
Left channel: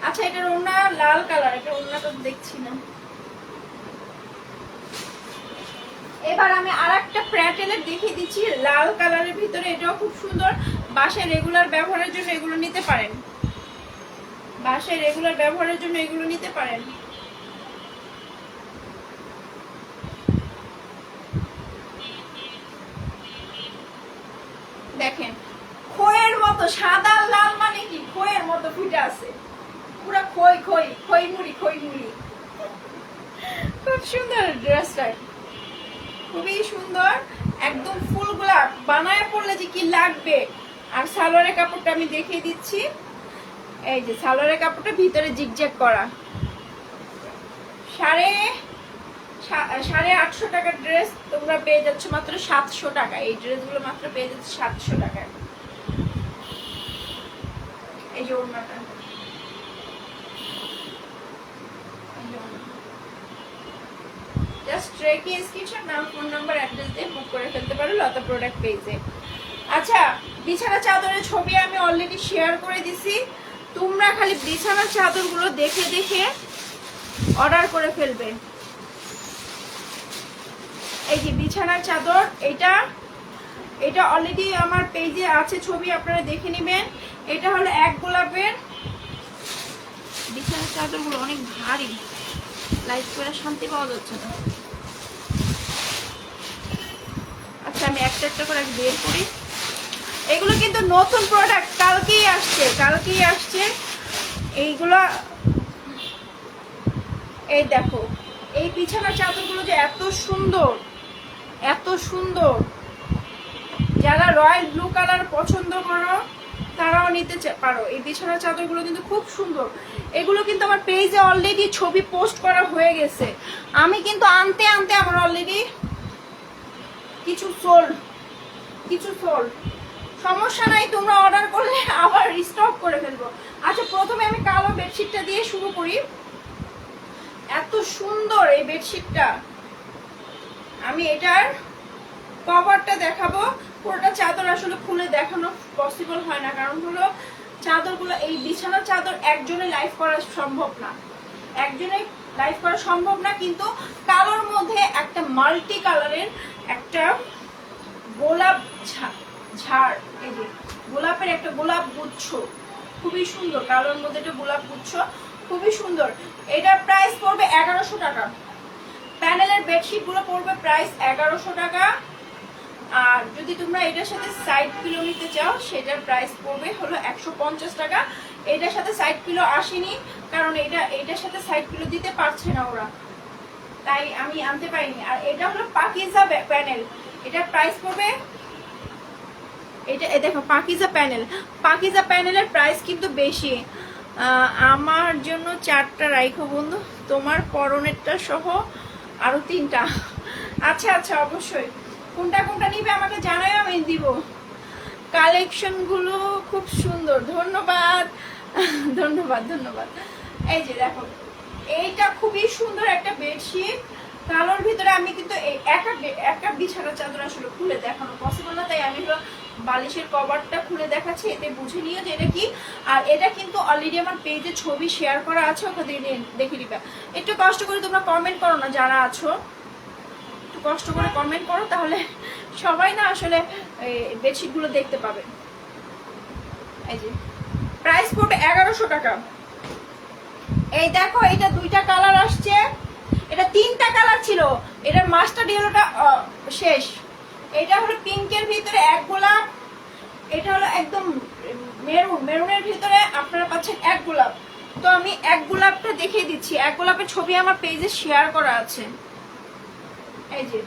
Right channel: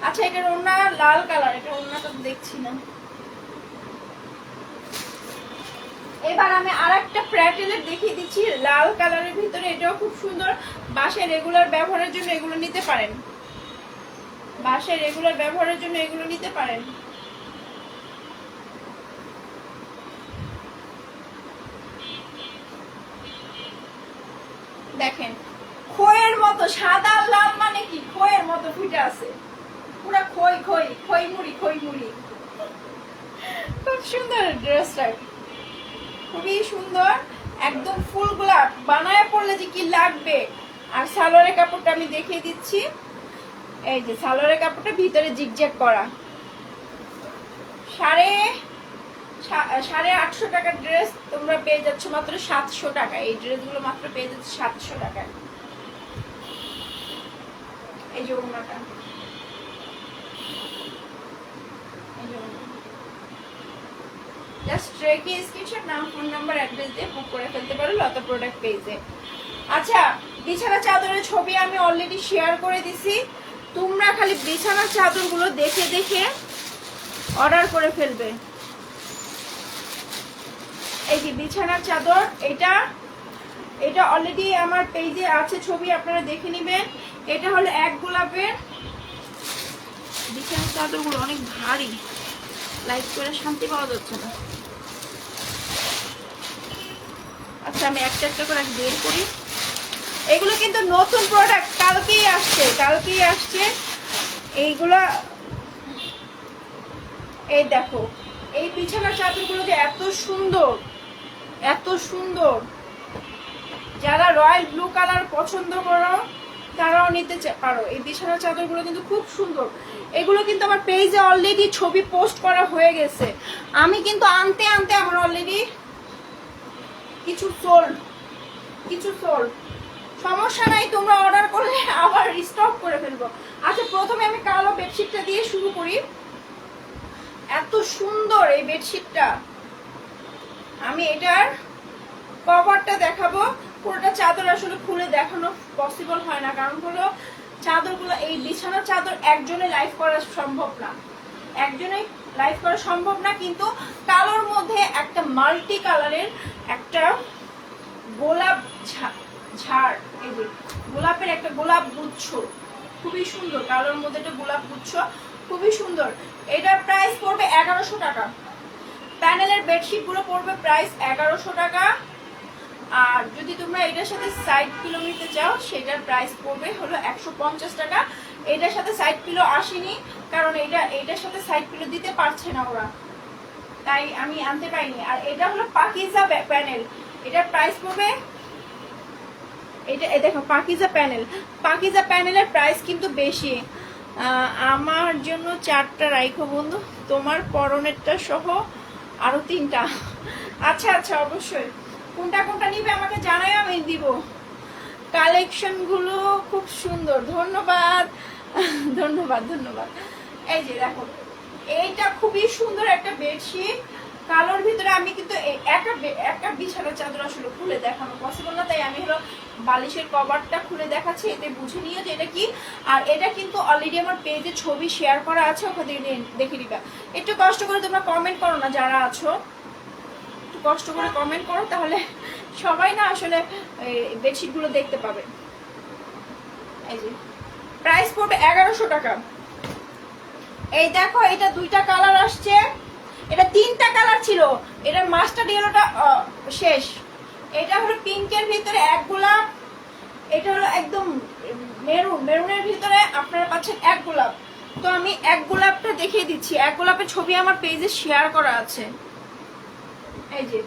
আচ্ছা, এটার ওড়না লাল কালার, এটা ওড়নাটা দেখছি না। এবার আমি আর একটা প্যাটেলের দেখিয়ে দিচ্ছি লাল কালারের ভিতরে, এটাও খুব সুন্দর। বাসায় রেগুলার ব্যবহারের জন্য এগুলো নিতে পারেন, দেখেন খইয়ের মতো, সাদা লাল মানে কি, খইয়ের মতো ফুটে আছে, পুরো খই মুড়ি। খুব সুন্দর ড্রেসটা, খুবই সুন্দর, একদম ফুল গোলাপ। বানায় পড়লে যে কি লাগবে। আর সালোয়ারের কাপড়টা আমি দেখিয়ে দিচ্ছি। এই যে সালোয়ারের কাপড়টা ভিতরে জিগজ্যাগ করা, 850 টাকার ড্রেস তোমরা পেয়ে যাচ্ছ মাত্র 700 টাকা। এই ড্রেসগুলো মাত্র পেয়ে যাচ্ছে 700 টাকায়। এই যে ওড়নাটা, জাস্ট রেখে স্ক্রিনশট, নাম, ফোন নাম্বার, অ্যাড্রেস দিয়ে বুক করে ফেলতে পারো লতা প্রোডাক্ট পেজে। আচ্ছা, বিছানা চাদরের ছবি আমি অলরেডি শেয়ার করে দিছি, তোমরা খালি বিছানার চাদরগুলো দেখে দেখে অর্ডার করে ফেলবে। এই যে বিছানার চাদর, এটা অলরেডি আমার পেজে আছে ছবি, আপনারা দেখে নেবেন। এটা হলো এক গোলাপের। বিছানার চাদরগুলো অনেক ভারী, লাইট করে শান্তি পাওয়া যাচ্ছে না। আচ্ছা, আমি একটা একটা করে বের করি। এগুলো কিন্তু নতুন প্রোডাক্ট, কালকেই আসছে এইগুলো। এই দেখো, এই বিছানার চাদরগুলো যে এত সুন্দর, যারা রয়্যাল ব্লু কালার পছন্দ করো তারাও নিতে পারো। এই বিছানার চাদরগুলো কিন্তু খুব সুন্দর। এগুলো কিন্তু আমার পেজে অলরেডি ছবি পোস্ট করা হয়ে গেছে। আমি কিন্তু আনতে আমার অলরেডি কিছু সোল্ড। সমস্যা নাই, তোমরা অর্ডার করলে আবার রিস্টক করে ফেলবো। আচ্ছা, প্রথমে আমি কালো বেডশিটটা দিয়ে শুরু করি। এত সুন্দর এই বেডশিটটা, আমি এটার কভারটা দেখাবো। পুরোটা চাদর আসলে খুলে দেখানো পসিবল হয় না, কারণ হলো চাদরগুলো, এই বিছানার চাদর একজনে লাইভ করা সম্ভব না, কিন্তু কালোর মধ্যে একটা মাল্টি কালারের একটা গোলাপ ঝাড়, এই যে গোলাপের একটা গোলাপ গুচ্ছ, খুবই সুন্দর। কালোর মধ্যে একটা গোলাপ গুচ্ছ, খুবই সুন্দর। এটার প্রাইস পড়বে 1100 টাকা। প্যানেলের বেডশিট গুলো পড়বে প্রাইস 1100 টাকা। আর যদি তোমরা এটার সাথে সাইড পিলো নিতে চাও, সেটার প্রাইস পড়বে হলো 150 টাকা। এটার সাথে সাইড পিলো আসেনি, কারণ এটার সাথে সাইড পিলো দিতে পারছে না ওরা, তাই আমি আনতে পারিনি। আর এটা হলো পাকিজা প্যানেল, এটার প্রাইস পড়বে, এটা দেখো পাকিজা প্যানেলের প্রাইস কিন্তু বেশি। আমার জন্য 4টা রাইখো বন্ধু, তোমার পরনেরটা সহ আরো 3টা। আচ্ছা, অবশ্যই কোনটা নিবে আমাকে জানাই, আমি দিব। কালেকশন গুলো খুব সুন্দর, ধন্যবাদ। এই যে দেখো, এইটা খুবই সুন্দর একটা বেডশিট, কালোর ভিতরে আমি কিন্তু একটা বিছানার চাদর আসলে খুলে দেখানো পসিবল না, তাই আমি হলো বালিশের কভারটা খুলে দেখাচ্ছি, এতে বুঝে নিও যে এটা কি। আর এটা কিন্তু অলরেডি আমার পেজে ছবি শেয়ার করা আছে, ওখানে দেখে দিবা। একটু কষ্ট করে তোমরা কমেন্ট করো না যারা আছো, একটু কষ্ট করে কমেন্ট করো, তাহলে সবাই না আসলে বেডশিট গুলো দেখতে পাবে। এই যে প্রাইস পড়বে 1100 টাকা। এই দেখো এটা দুইটা কালার আসছে, এটা তিনটা কালার ছিল, এটা মাস্টার ইয়েলোটা শেষ। এটা হলো পিঙ্কের ভিতরে এক গোলাপ, এটা হলো একদম মেরুনের ভিতরে আপনারা পাচ্ছেন এক গোলাপ। তো আমি এক গোলাপটা দেখিয়ে দিচ্ছি, এক গোলাপের ছবি আমার পেজে শেয়ার করা আছে। এই যে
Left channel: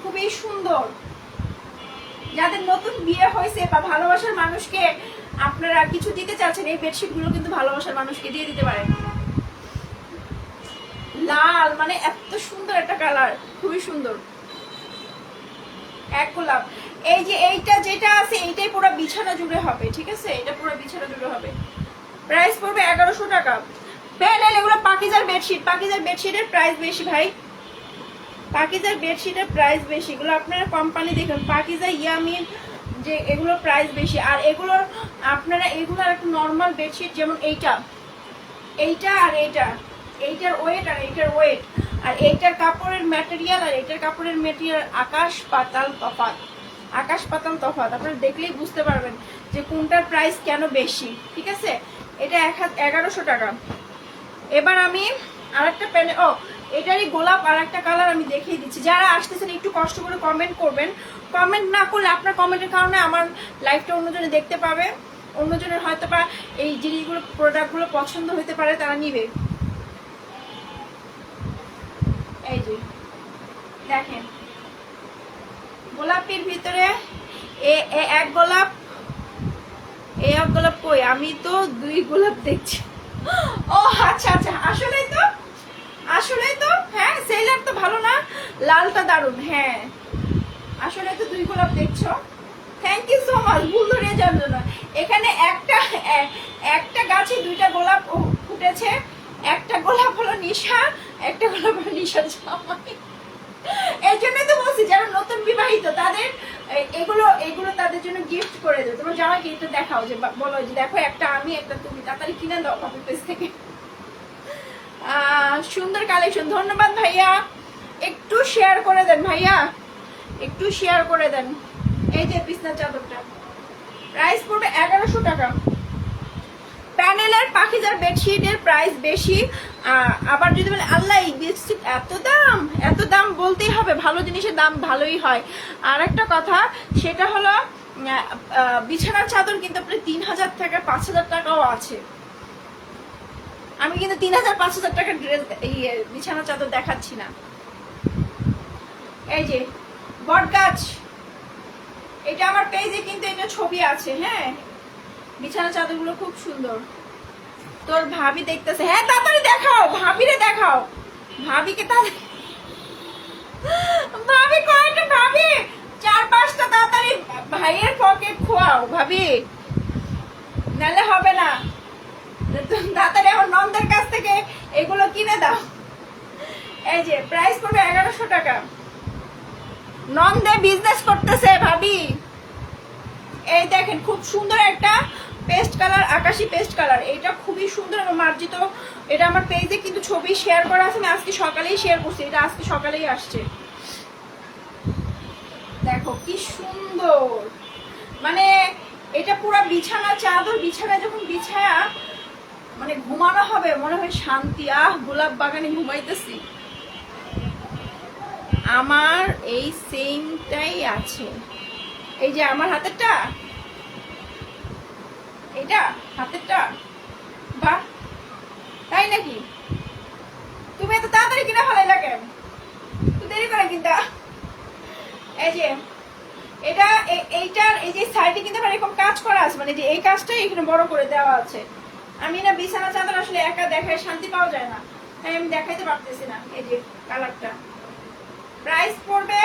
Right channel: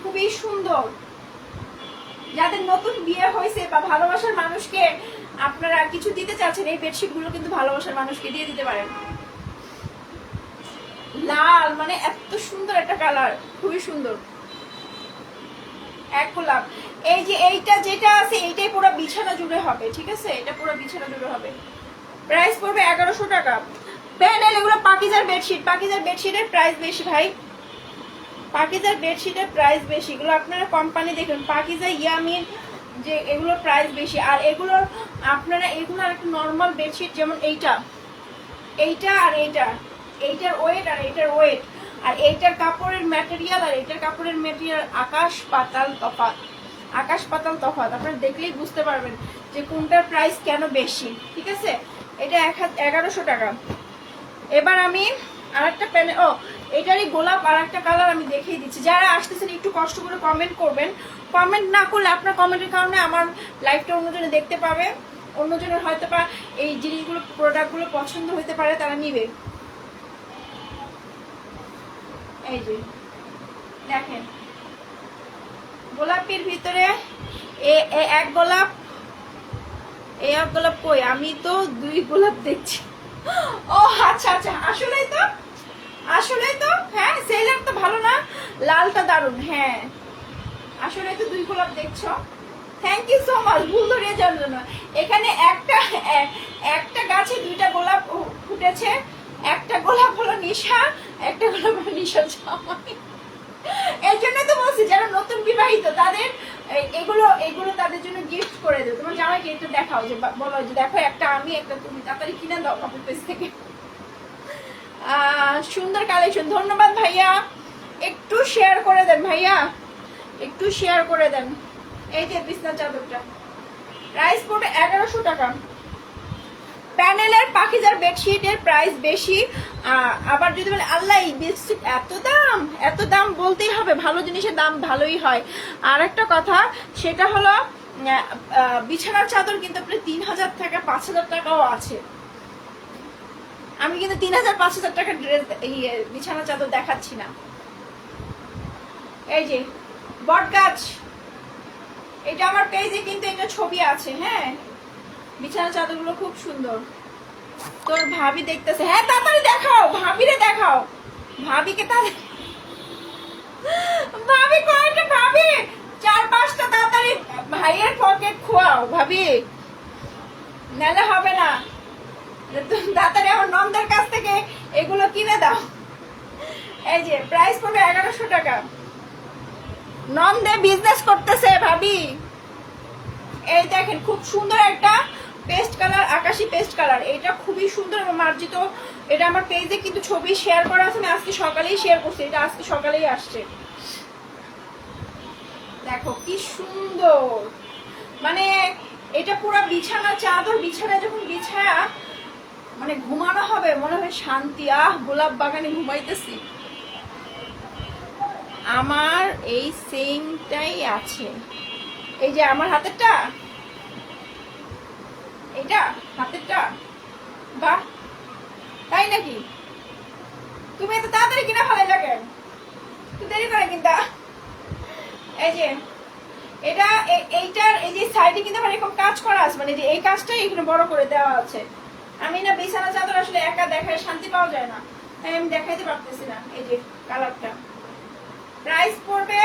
খুবই সুন্দর, যাদের নতুন বিয়ে হয়েছে বা ভালোবাসার মানুষকে আপনারা কিছু দিতে চাচ্ছেন, এই বেডশিট গুলো কিন্তু ভালোবাসার মানুষকে দিয়ে দিতে পারেন। লাল মানে এত সুন্দর একটা কালার, খুবই সুন্দর এক গোলাপ। এই যে এইটা যেটা আছে এইটাই পুরো বিছানা জুড়ে হবে, ঠিক আছে, এটা পুরো বিছানা জুড়ে হবে। প্রাইস পড়বে 1100 টাকা। প্যানেল এগুলো পাকিজার বেডশিট, পাকিজার বেডশিটের প্রাইস বেশি ভাই, পাকিজার বেডশিটের প্রাইস বেশি। এগুলো আপনারা কোম্পানি দেখুন, পাকিজা, ইয়ামিন, যে এগুলোর প্রাইস বেশি। আর এগুলোর আপনারা এগুলো একটা নর্মাল বেডশিট, যেমন এইটা আর এইটার ওয়েট আর এইটার ওয়েট আর এইটার কাপড়ের ম্যাটেরিয়াল আর এইটার কাপড়ের ম্যাটেরিয়াল আকাশ পাতাল তফাৎ, আকাশ পাতাল তফাৎ। আপনারা দেখলেই বুঝতে পারবেন যে কোনটার প্রাইস কেন বেশি, ঠিক আছে। এটা 1100 টাকা। এবার আমি আরেকটা প্যানে এটারই গোলাপ আর একটা কালার আমি দেখিয়ে দিচ্ছি। যারা আসতেছেন একটু কষ্ট করে কমেন্ট করবেন, কমেন্ট না করলে আপনার কমেন্টের কারণে আমার লাইভটা অন্যজনে দেখতে পাবে, অন্যজনের হয়তো বা এই জিনিসগুলো প্রোডাক্টগুলো পছন্দ হতে পারে, তারা নিবে। এই যে দেখেন গোলাপের ভিতরে এক গোলাপ, এক গোলাপ কই, আমি তো দুই গোলাপ দেখছি। ও আচ্ছা আচ্ছা, আসলেই তো হ্যাঁ, সেলার তো ভালো না, লালটা দারুন। হ্যাঁ আসলে তো দুই গোলাপ দেখছো, থ্যাংক ইউ সো মাচ, ভুল ধরিয়ে জানলো না। এখানে একটা গাছে দুইটা গোলাপ ফুটেছে, একটা গোলাপ হলো নিশা, একটা গোলাপ হলো নিশার জামাই। এই জন্যই তো বলছি যারা নতুন বিবাহিত তাদের এগুলো তাদের জন্য গিফট করে দেয়। তোমার জামাইকে একটু দেখাও, যে বলো যে দেখো একটা আমি একটা তুমি, তাড়াতাড়ি কিনে দাও কাপড় পেজ থেকে। সুন্দর কালেকশন, ধন্যবাদ ভাইয়া, একটু শেয়ার করে দেন ভাইয়া, একটু শেয়ার করে দেন। এই যে বিছনা চাদরটা প্রাইস পড়বে 1100 টাকা। প্যানেলের পাকিজার বেডশিটের প্রাইস বেশি। আবার যদি বলে আল্লাহ এই বেডশিট এত দাম বলতেই হবে, ভালো জিনিসের দাম ভালোই হয়। আর একটা কথা সেটা হলো বিছানার চাদর কিন্তু আপনার 3000 টাকা 5000 টাকাও আছে। আমি কিন্তু 3000-5000 টাকার ড্রেস বিছানার চাদর দেখাচ্ছি না। এই যে বট গাছ, এটা আমার পেজে কিন্তু এটা ছবি আছে। হ্যাঁ বিছানার চাদরগুলো খুব সুন্দর। তোর ভাবি দেখতেছে, হ্যাঁ তাড়াতাড়ি দেখাও, ভাবিরে দেখাও, ভাবিকে তাড়াতাড়ি, ভাবি কয়েকটা, ভাবি 4-5টা তাড়াতাড়ি ভাইয়ের পকেট খোয়াও ভাবি, নালে হবে না। তাড়াতাড়ি আমার নন্দের কাছ থেকে এগুলো কিনে দাও। এই যে প্রাইস পড়বে 1100 টাকা। নন্দে বিজনেস করতেছে ভাবি। এই দেখেন খুব সুন্দর একটা পেস্ট কালার, আকাশি পেস্ট কালার, এটা খুবই সুন্দর এবং মার্জিত। এটা আমার পেজে কিন্তু ছবি শেয়ার করা আছে, আজকে সকালেই শেয়ার করছি, এটা আজকে সকালেই আসছে। দেখো কি সুন্দর, মানে এটা পুরো বিছানা চাদর, বিছানা যখন বিছায়া মানে ঘুমানো হবে মনে হয় শান্তি, গোলাপ বাগানে ঘুমাইতেছি। আমার এই সেমটাই আছে, এই যে আমার হাতেরটা, এটা হাতেরটা, বাহ তাই নাকি? তুমি এত তাড়াতাড়ি কিনা ফেলাইলা কেন, তুই দেরি করে কিনতা। এই যে এটা এইটার এই যে সাইডে কিন্তু এরকম কাজ করা আছে, মানে যে এই কাজটাই এখানে বড় করে দেওয়া আছে। আমি না বিছানা চাদর আসলে একা দেখায় শান্তি পাওয়া যায় না, তাই আমি দেখাইতে পারতেছি না। এই যে কালারটা প্রাইস পড়বে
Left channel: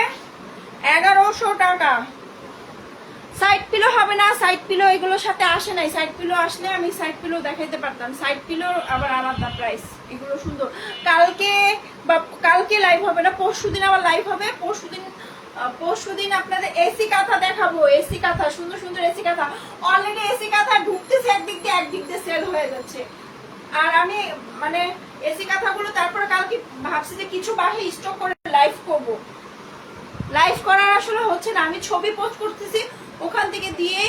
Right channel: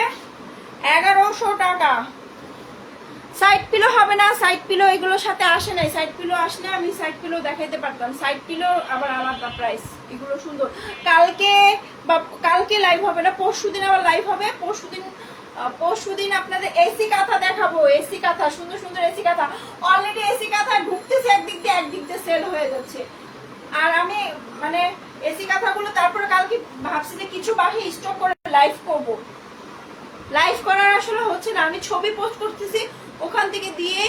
1100 টাকা। সাইড পিলো হবে না, সাইড পিলো এগুলোর সাথে আসে নাই, সাইড পিলো আসলে আমি সাইড পিলো দেখাইতে পারতাম, সাইড পিলো আবার আলাদা প্রাইস। এগুলো সুন্দর। কালকে বা কালকে লাইভ হবে না, পরশুদিন আবার লাইভ হবে। পরশুদিন আপনাদের এসি কাঁথা দেখাবো, এসি কাঁথা, সুন্দর সুন্দর এসি কাঁথা। অলরেডি এসি কাঁথা ঢুকতেছে একদিক দিয়ে সেল হয়ে যাচ্ছে। আর আমি মানে এসি কাঁথাগুলো তারপরে কালকে ভাবছি যে কিছু বাসায় স্টক করে লাইভ করব। লাইভ করার আসলে হচ্ছে না, আমি ছবি পোস্ট করতেছি ওখান থেকে দিয়ে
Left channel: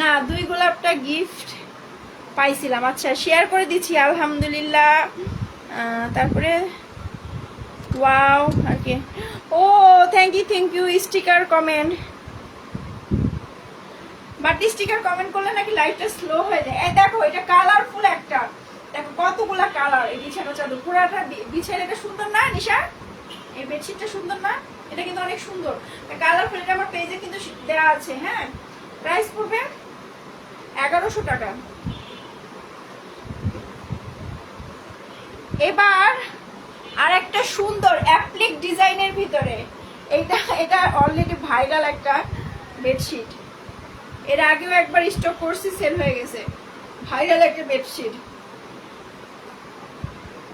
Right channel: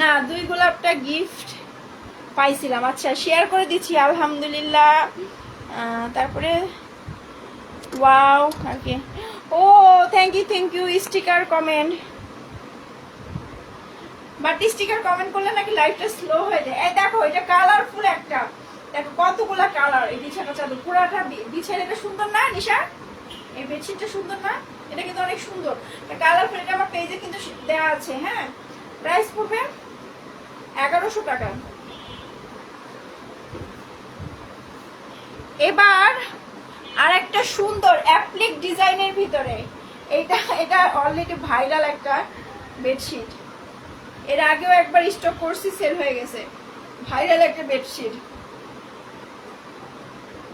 না। 2 গোলাপটা গিফট পাইছিলাম, আচ্ছা শেয়ার করে দিচ্ছি আলহামদুলিল্লাহ। তারপরে ওয়াও আর কি, oh thank you sticker comment. But sticker comment করলে নাকি লাইভটা স্লো হয়ে যায়। এই দেখো এটা কালারফুল একটা, দেখো কতগুলা কালার। এই বিছানা চাদর পুরাটা বিছানা, এটা সুন্দর না নিশা? এই বেডশিটটা সুন্দর না? এটা কিন্তু অনেক সুন্দর কালারফুল। এটা আমার পেজে কিন্তু দেওয়া আছে। হ্যাঁ, প্রাইস পড়বে 1100 টাকা। এবার আর একটা সুন্দর অ্যাপ্লিক ডিজাইনের ভিতরে, এটা অলরেডি ভাইরাল একটা বেডশিট। এর আগেও একবার স্টক করছি, সেল হয়ে গেছে। ভাইরাল একটা বেডশিট,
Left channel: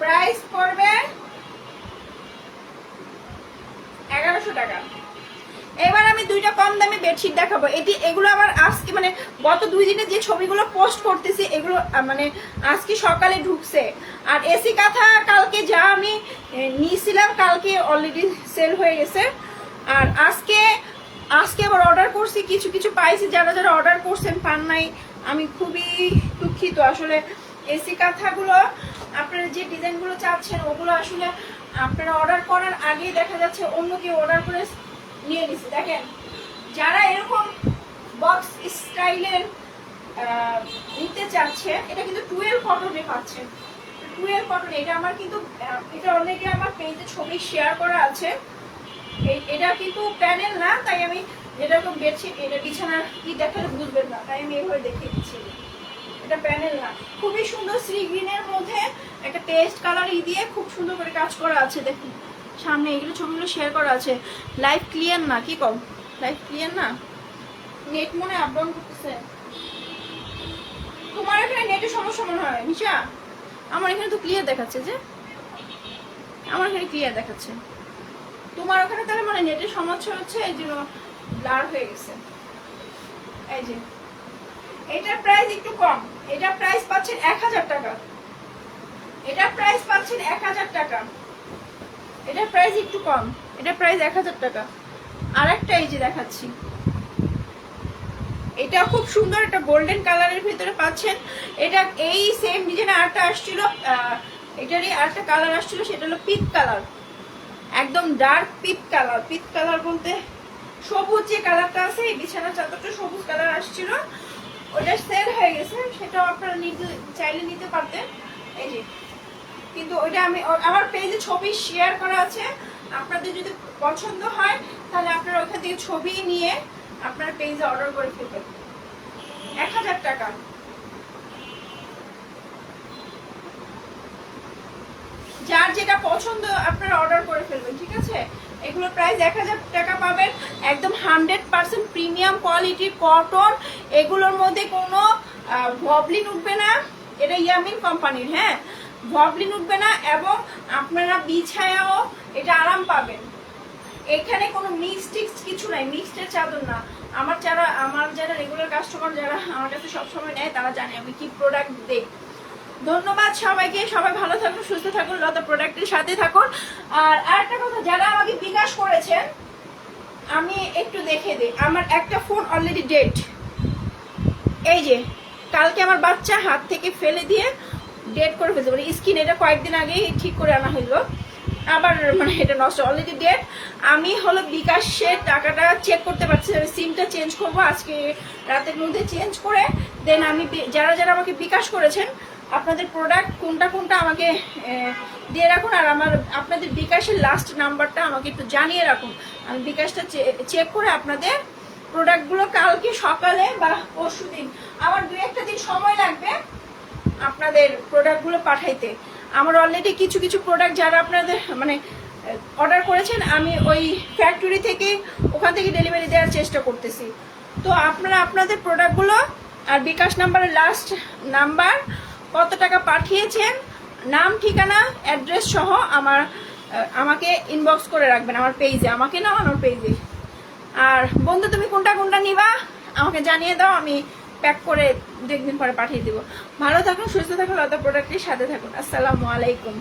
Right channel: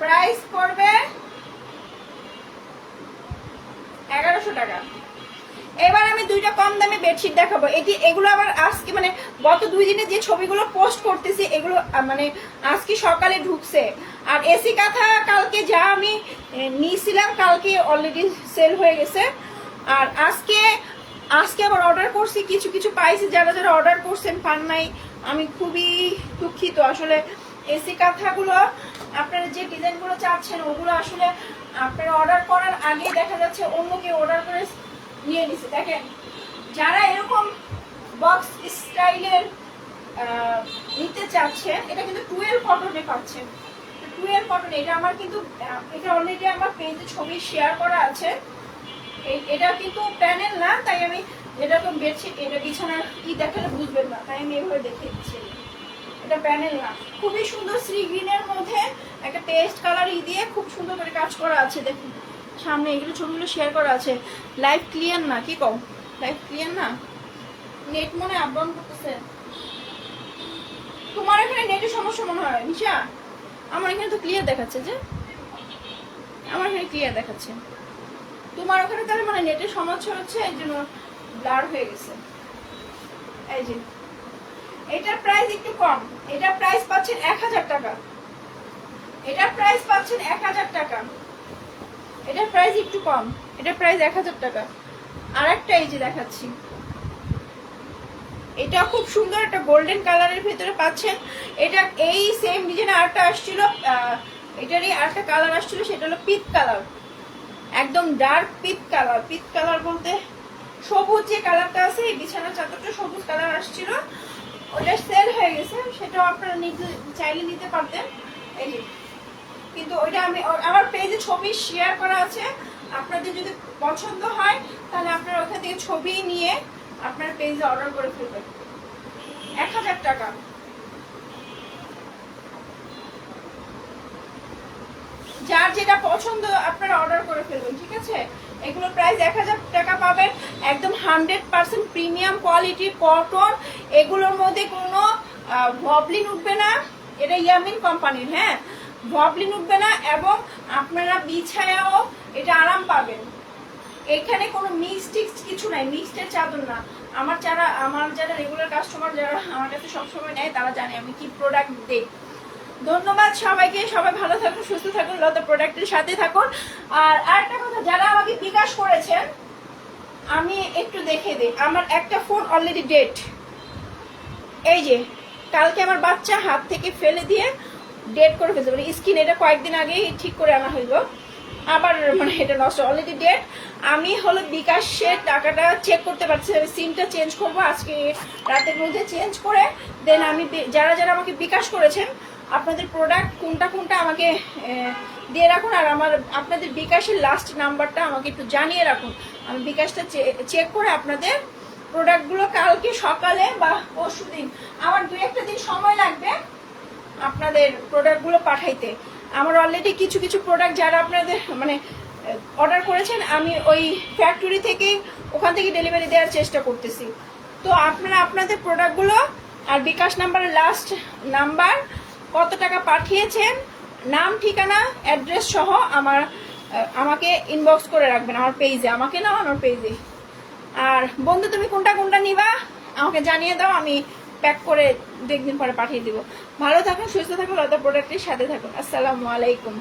প্রাইস পড়বে 1100 টাকা। এবার আমি 2টা কম দামি বেডশিট দেখাবো। এগুলো আবার আজকে মানে গত 2 দিনে যে ছবিগুলো পোস্ট করতেছি এগুলো মানে আজকে সকালে ঢুকছে। আর এসি কাঁথা কালকে যা আমি নিয়েছিলাম কালকে অলরেডি সেল হয়ে গেছে। আর আজকে আবার অর্ডার করছি, কিছু পাইছি। যারা অর্ডার করছেন পান নাই, আমি খুবই দুঃখিত। আসলে এসি কাঁথাগুলো আপনারা যে ডিজাইনগুলো চাচ্ছেন ওগুলো আসলে আপনারা অর্ডার করার আগেই দেখা যাচ্ছে অন্য কেউ অর্ডার করে নিয়ে নিছে। দেখেন, যারা এরকম বক্স স্টাইলের নিতে চাচ্ছেন, এটা কিন্তু 12 কটনে পাচ্ছেন। 12 কটনে, এটা আমার কিন্তু এটা অলরেডি আমার পেজে ছবি শেয়ার করা আছে। এটা কিন্তু প্যানেল না, তাই আমি যেরকম বেডশিট, এটা বিছানার কি দেখালে বুঝবেন না, তাই আমি এইভাবে দেখিয়ে দিচ্ছি। এটা প্যানেল না, খুবই সুন্দর সি গ্রিনের মধ্যে একটা পেস্ট কালার দিয়ে খুব সুন্দর করে কাজ করা আছে। দেখুন সামনে এগুলো ছবিগুলো শেয়ার করা আছে। লাইভ ক্লিয়ার না, কি কম লাইভ ক্লিয়ার না? নেট মনে আপ ডাউন করতেছে। তোমার এখানে নেটের সমস্যা মনে হয় নিশা? আমার এখানে তো ক্লিয়ার দেখাচ্ছে, যে আমার এখানে ক্লিয়ার দেখাচ্ছে। তোমার ওখানে তাহলে মানে নেটের সমস্যা হচ্ছে, এই জন্য ব্লার হয়ে গেছে। এই যে এটার প্রাইস একটু কম, এটার প্রাইস পাচ্ছেন 1000 টাকা। এটার প্রাইস পাচ্ছেন 1000 টাকা। এটার প্রাইস একটু কম, এটার প্রাইস 1000 টাকা। আর একটা এই যে দেখাচ্ছি, এটা খুব সুন্দর একটা গোল্ডেন কালারের ভিতরে পাচ্ছেন। এটা এই সেম ডিজাইন আরেকটা আসছিল, এটারই আরেকটা কালার আসছিল, সেটা হলো পিচ কালার, একদম dark peach colour. Peach colour বলতে সবুজ যে কালারটা আছে, এই বিছানার চাদরটা সবুজ কালার আসছিল, ওটা সেল হয়ে গেছে। সেটাও আপনারা চাইলে নিতে পারতেন। এই যে কিন্তু ওইটা আমি আমার পেজে ছবি শেয়ার করা আছে। আপনাদের যদি পছন্দ হয় তাহলে আপনারা ওখান থেকে ছবি নিয়ে আপনার পেজে অর্ডার করে ফেলবেন। 1000 টাকা। যার যেটা পছন্দ আপনারা অর্ডার করে ফেলবেন, ঠিক আছে? এগুলো প্রাইস 1000 টাকা পাবেন। একদম 100% প্রিমিয়াম কোয়ালিটির কটন। এগুলোর মধ্যে কোনো ভবলিন উঠবে না, এটা ইয়ামিন কোম্পানির। হ্যাঁ, ভবলিন উঠবে না, এবং আপনারা বিছায়াও এটা আরাম পাবেন। এখানে কোনো মিক্সড কিছু নাই, মিক্সডের চাদর না। আমার যারা রেগুলার কাস্টমার, যারা আমার কাছে সবসময় নেয়, তারা জানে আমি কি প্রোডাক্ট দেই। ধন্যবাদ সবাইকে, সবাই ভালো থাকুন, সুস্থ থাকুন, লতা প্রোডাক্টের সাথে থাকুন। আর আরেকটা কথা, যারা আমাকে বিকাশ করেছেন আমি একটু দেখে দিই। আমার একটা ফোন অলরেডি ডেট। এই যে কালকে আমার বাচ্চা হাত থেকে ফেলে দিয়ে ডেট করে ফেলছে, মানে স্ক্রিন, এটা কয়েকদিন আগেই ঠিক করে আনা হইলো, আবার মানে এটা নষ্ট, অলরেডি ডেট। আমি হলো বিকাশের টাকাটা চেক করতে পারছি, আমি সিমটা চেঞ্জ করবো আজকে রাতের মধ্যে। চেঞ্জ করে দেন আমি যারা আমাকে বিকাশ করেছেন আপনাদের প্রোডাক্ট কোনটা আমাকে দিয়ে রাখুন। আর আপনাদের বিকাশের লাস্ট নাম্বারটা আমাকে একটু জানিয়ে রাখুন। আমি বিকাশটা চেক করে আপনাদের প্রোডাক্টগুলো কালকে সকালে বা পরশুদিন, আমার 2-1 দিন সময় লাগবে আপনাদের প্রোডাক্টগুলো পাঠাইতে। আমার অলরেডি কিছু প্রোডাক্ট যারা আপনাদের মানে অর্ডার করেছেন, আমি ওই ফ্যাক্টরি থেকে ওখান থেকে ডেলিভারি দেওয়ার চেষ্টা করতেছি। তো আপনারা আপনাদের প্রোডাক্টগুলো আর বিকাশ নাম্বারের লাস্ট নাম্বার, কত টাকা পাঠিয়েছেন, নাম ঠিকানা অ্যাড্রেস সহ আমাকে ইনবক্স করে রাখবেন আমার পেজে, আমাকে না আমার পেজে। আর বন্ধু তুমি কোনটা কোনটা নিবা আমাকে জানিয়ে দাও, আমি প্যাক করে 2 দিন পরে পাঠিয়ে দিব। ভালো থাকুন, সুস্থ থাকুন, লতা প্রোডাক্টের সাথে থাকুন। আসসালামু আলাইকুম।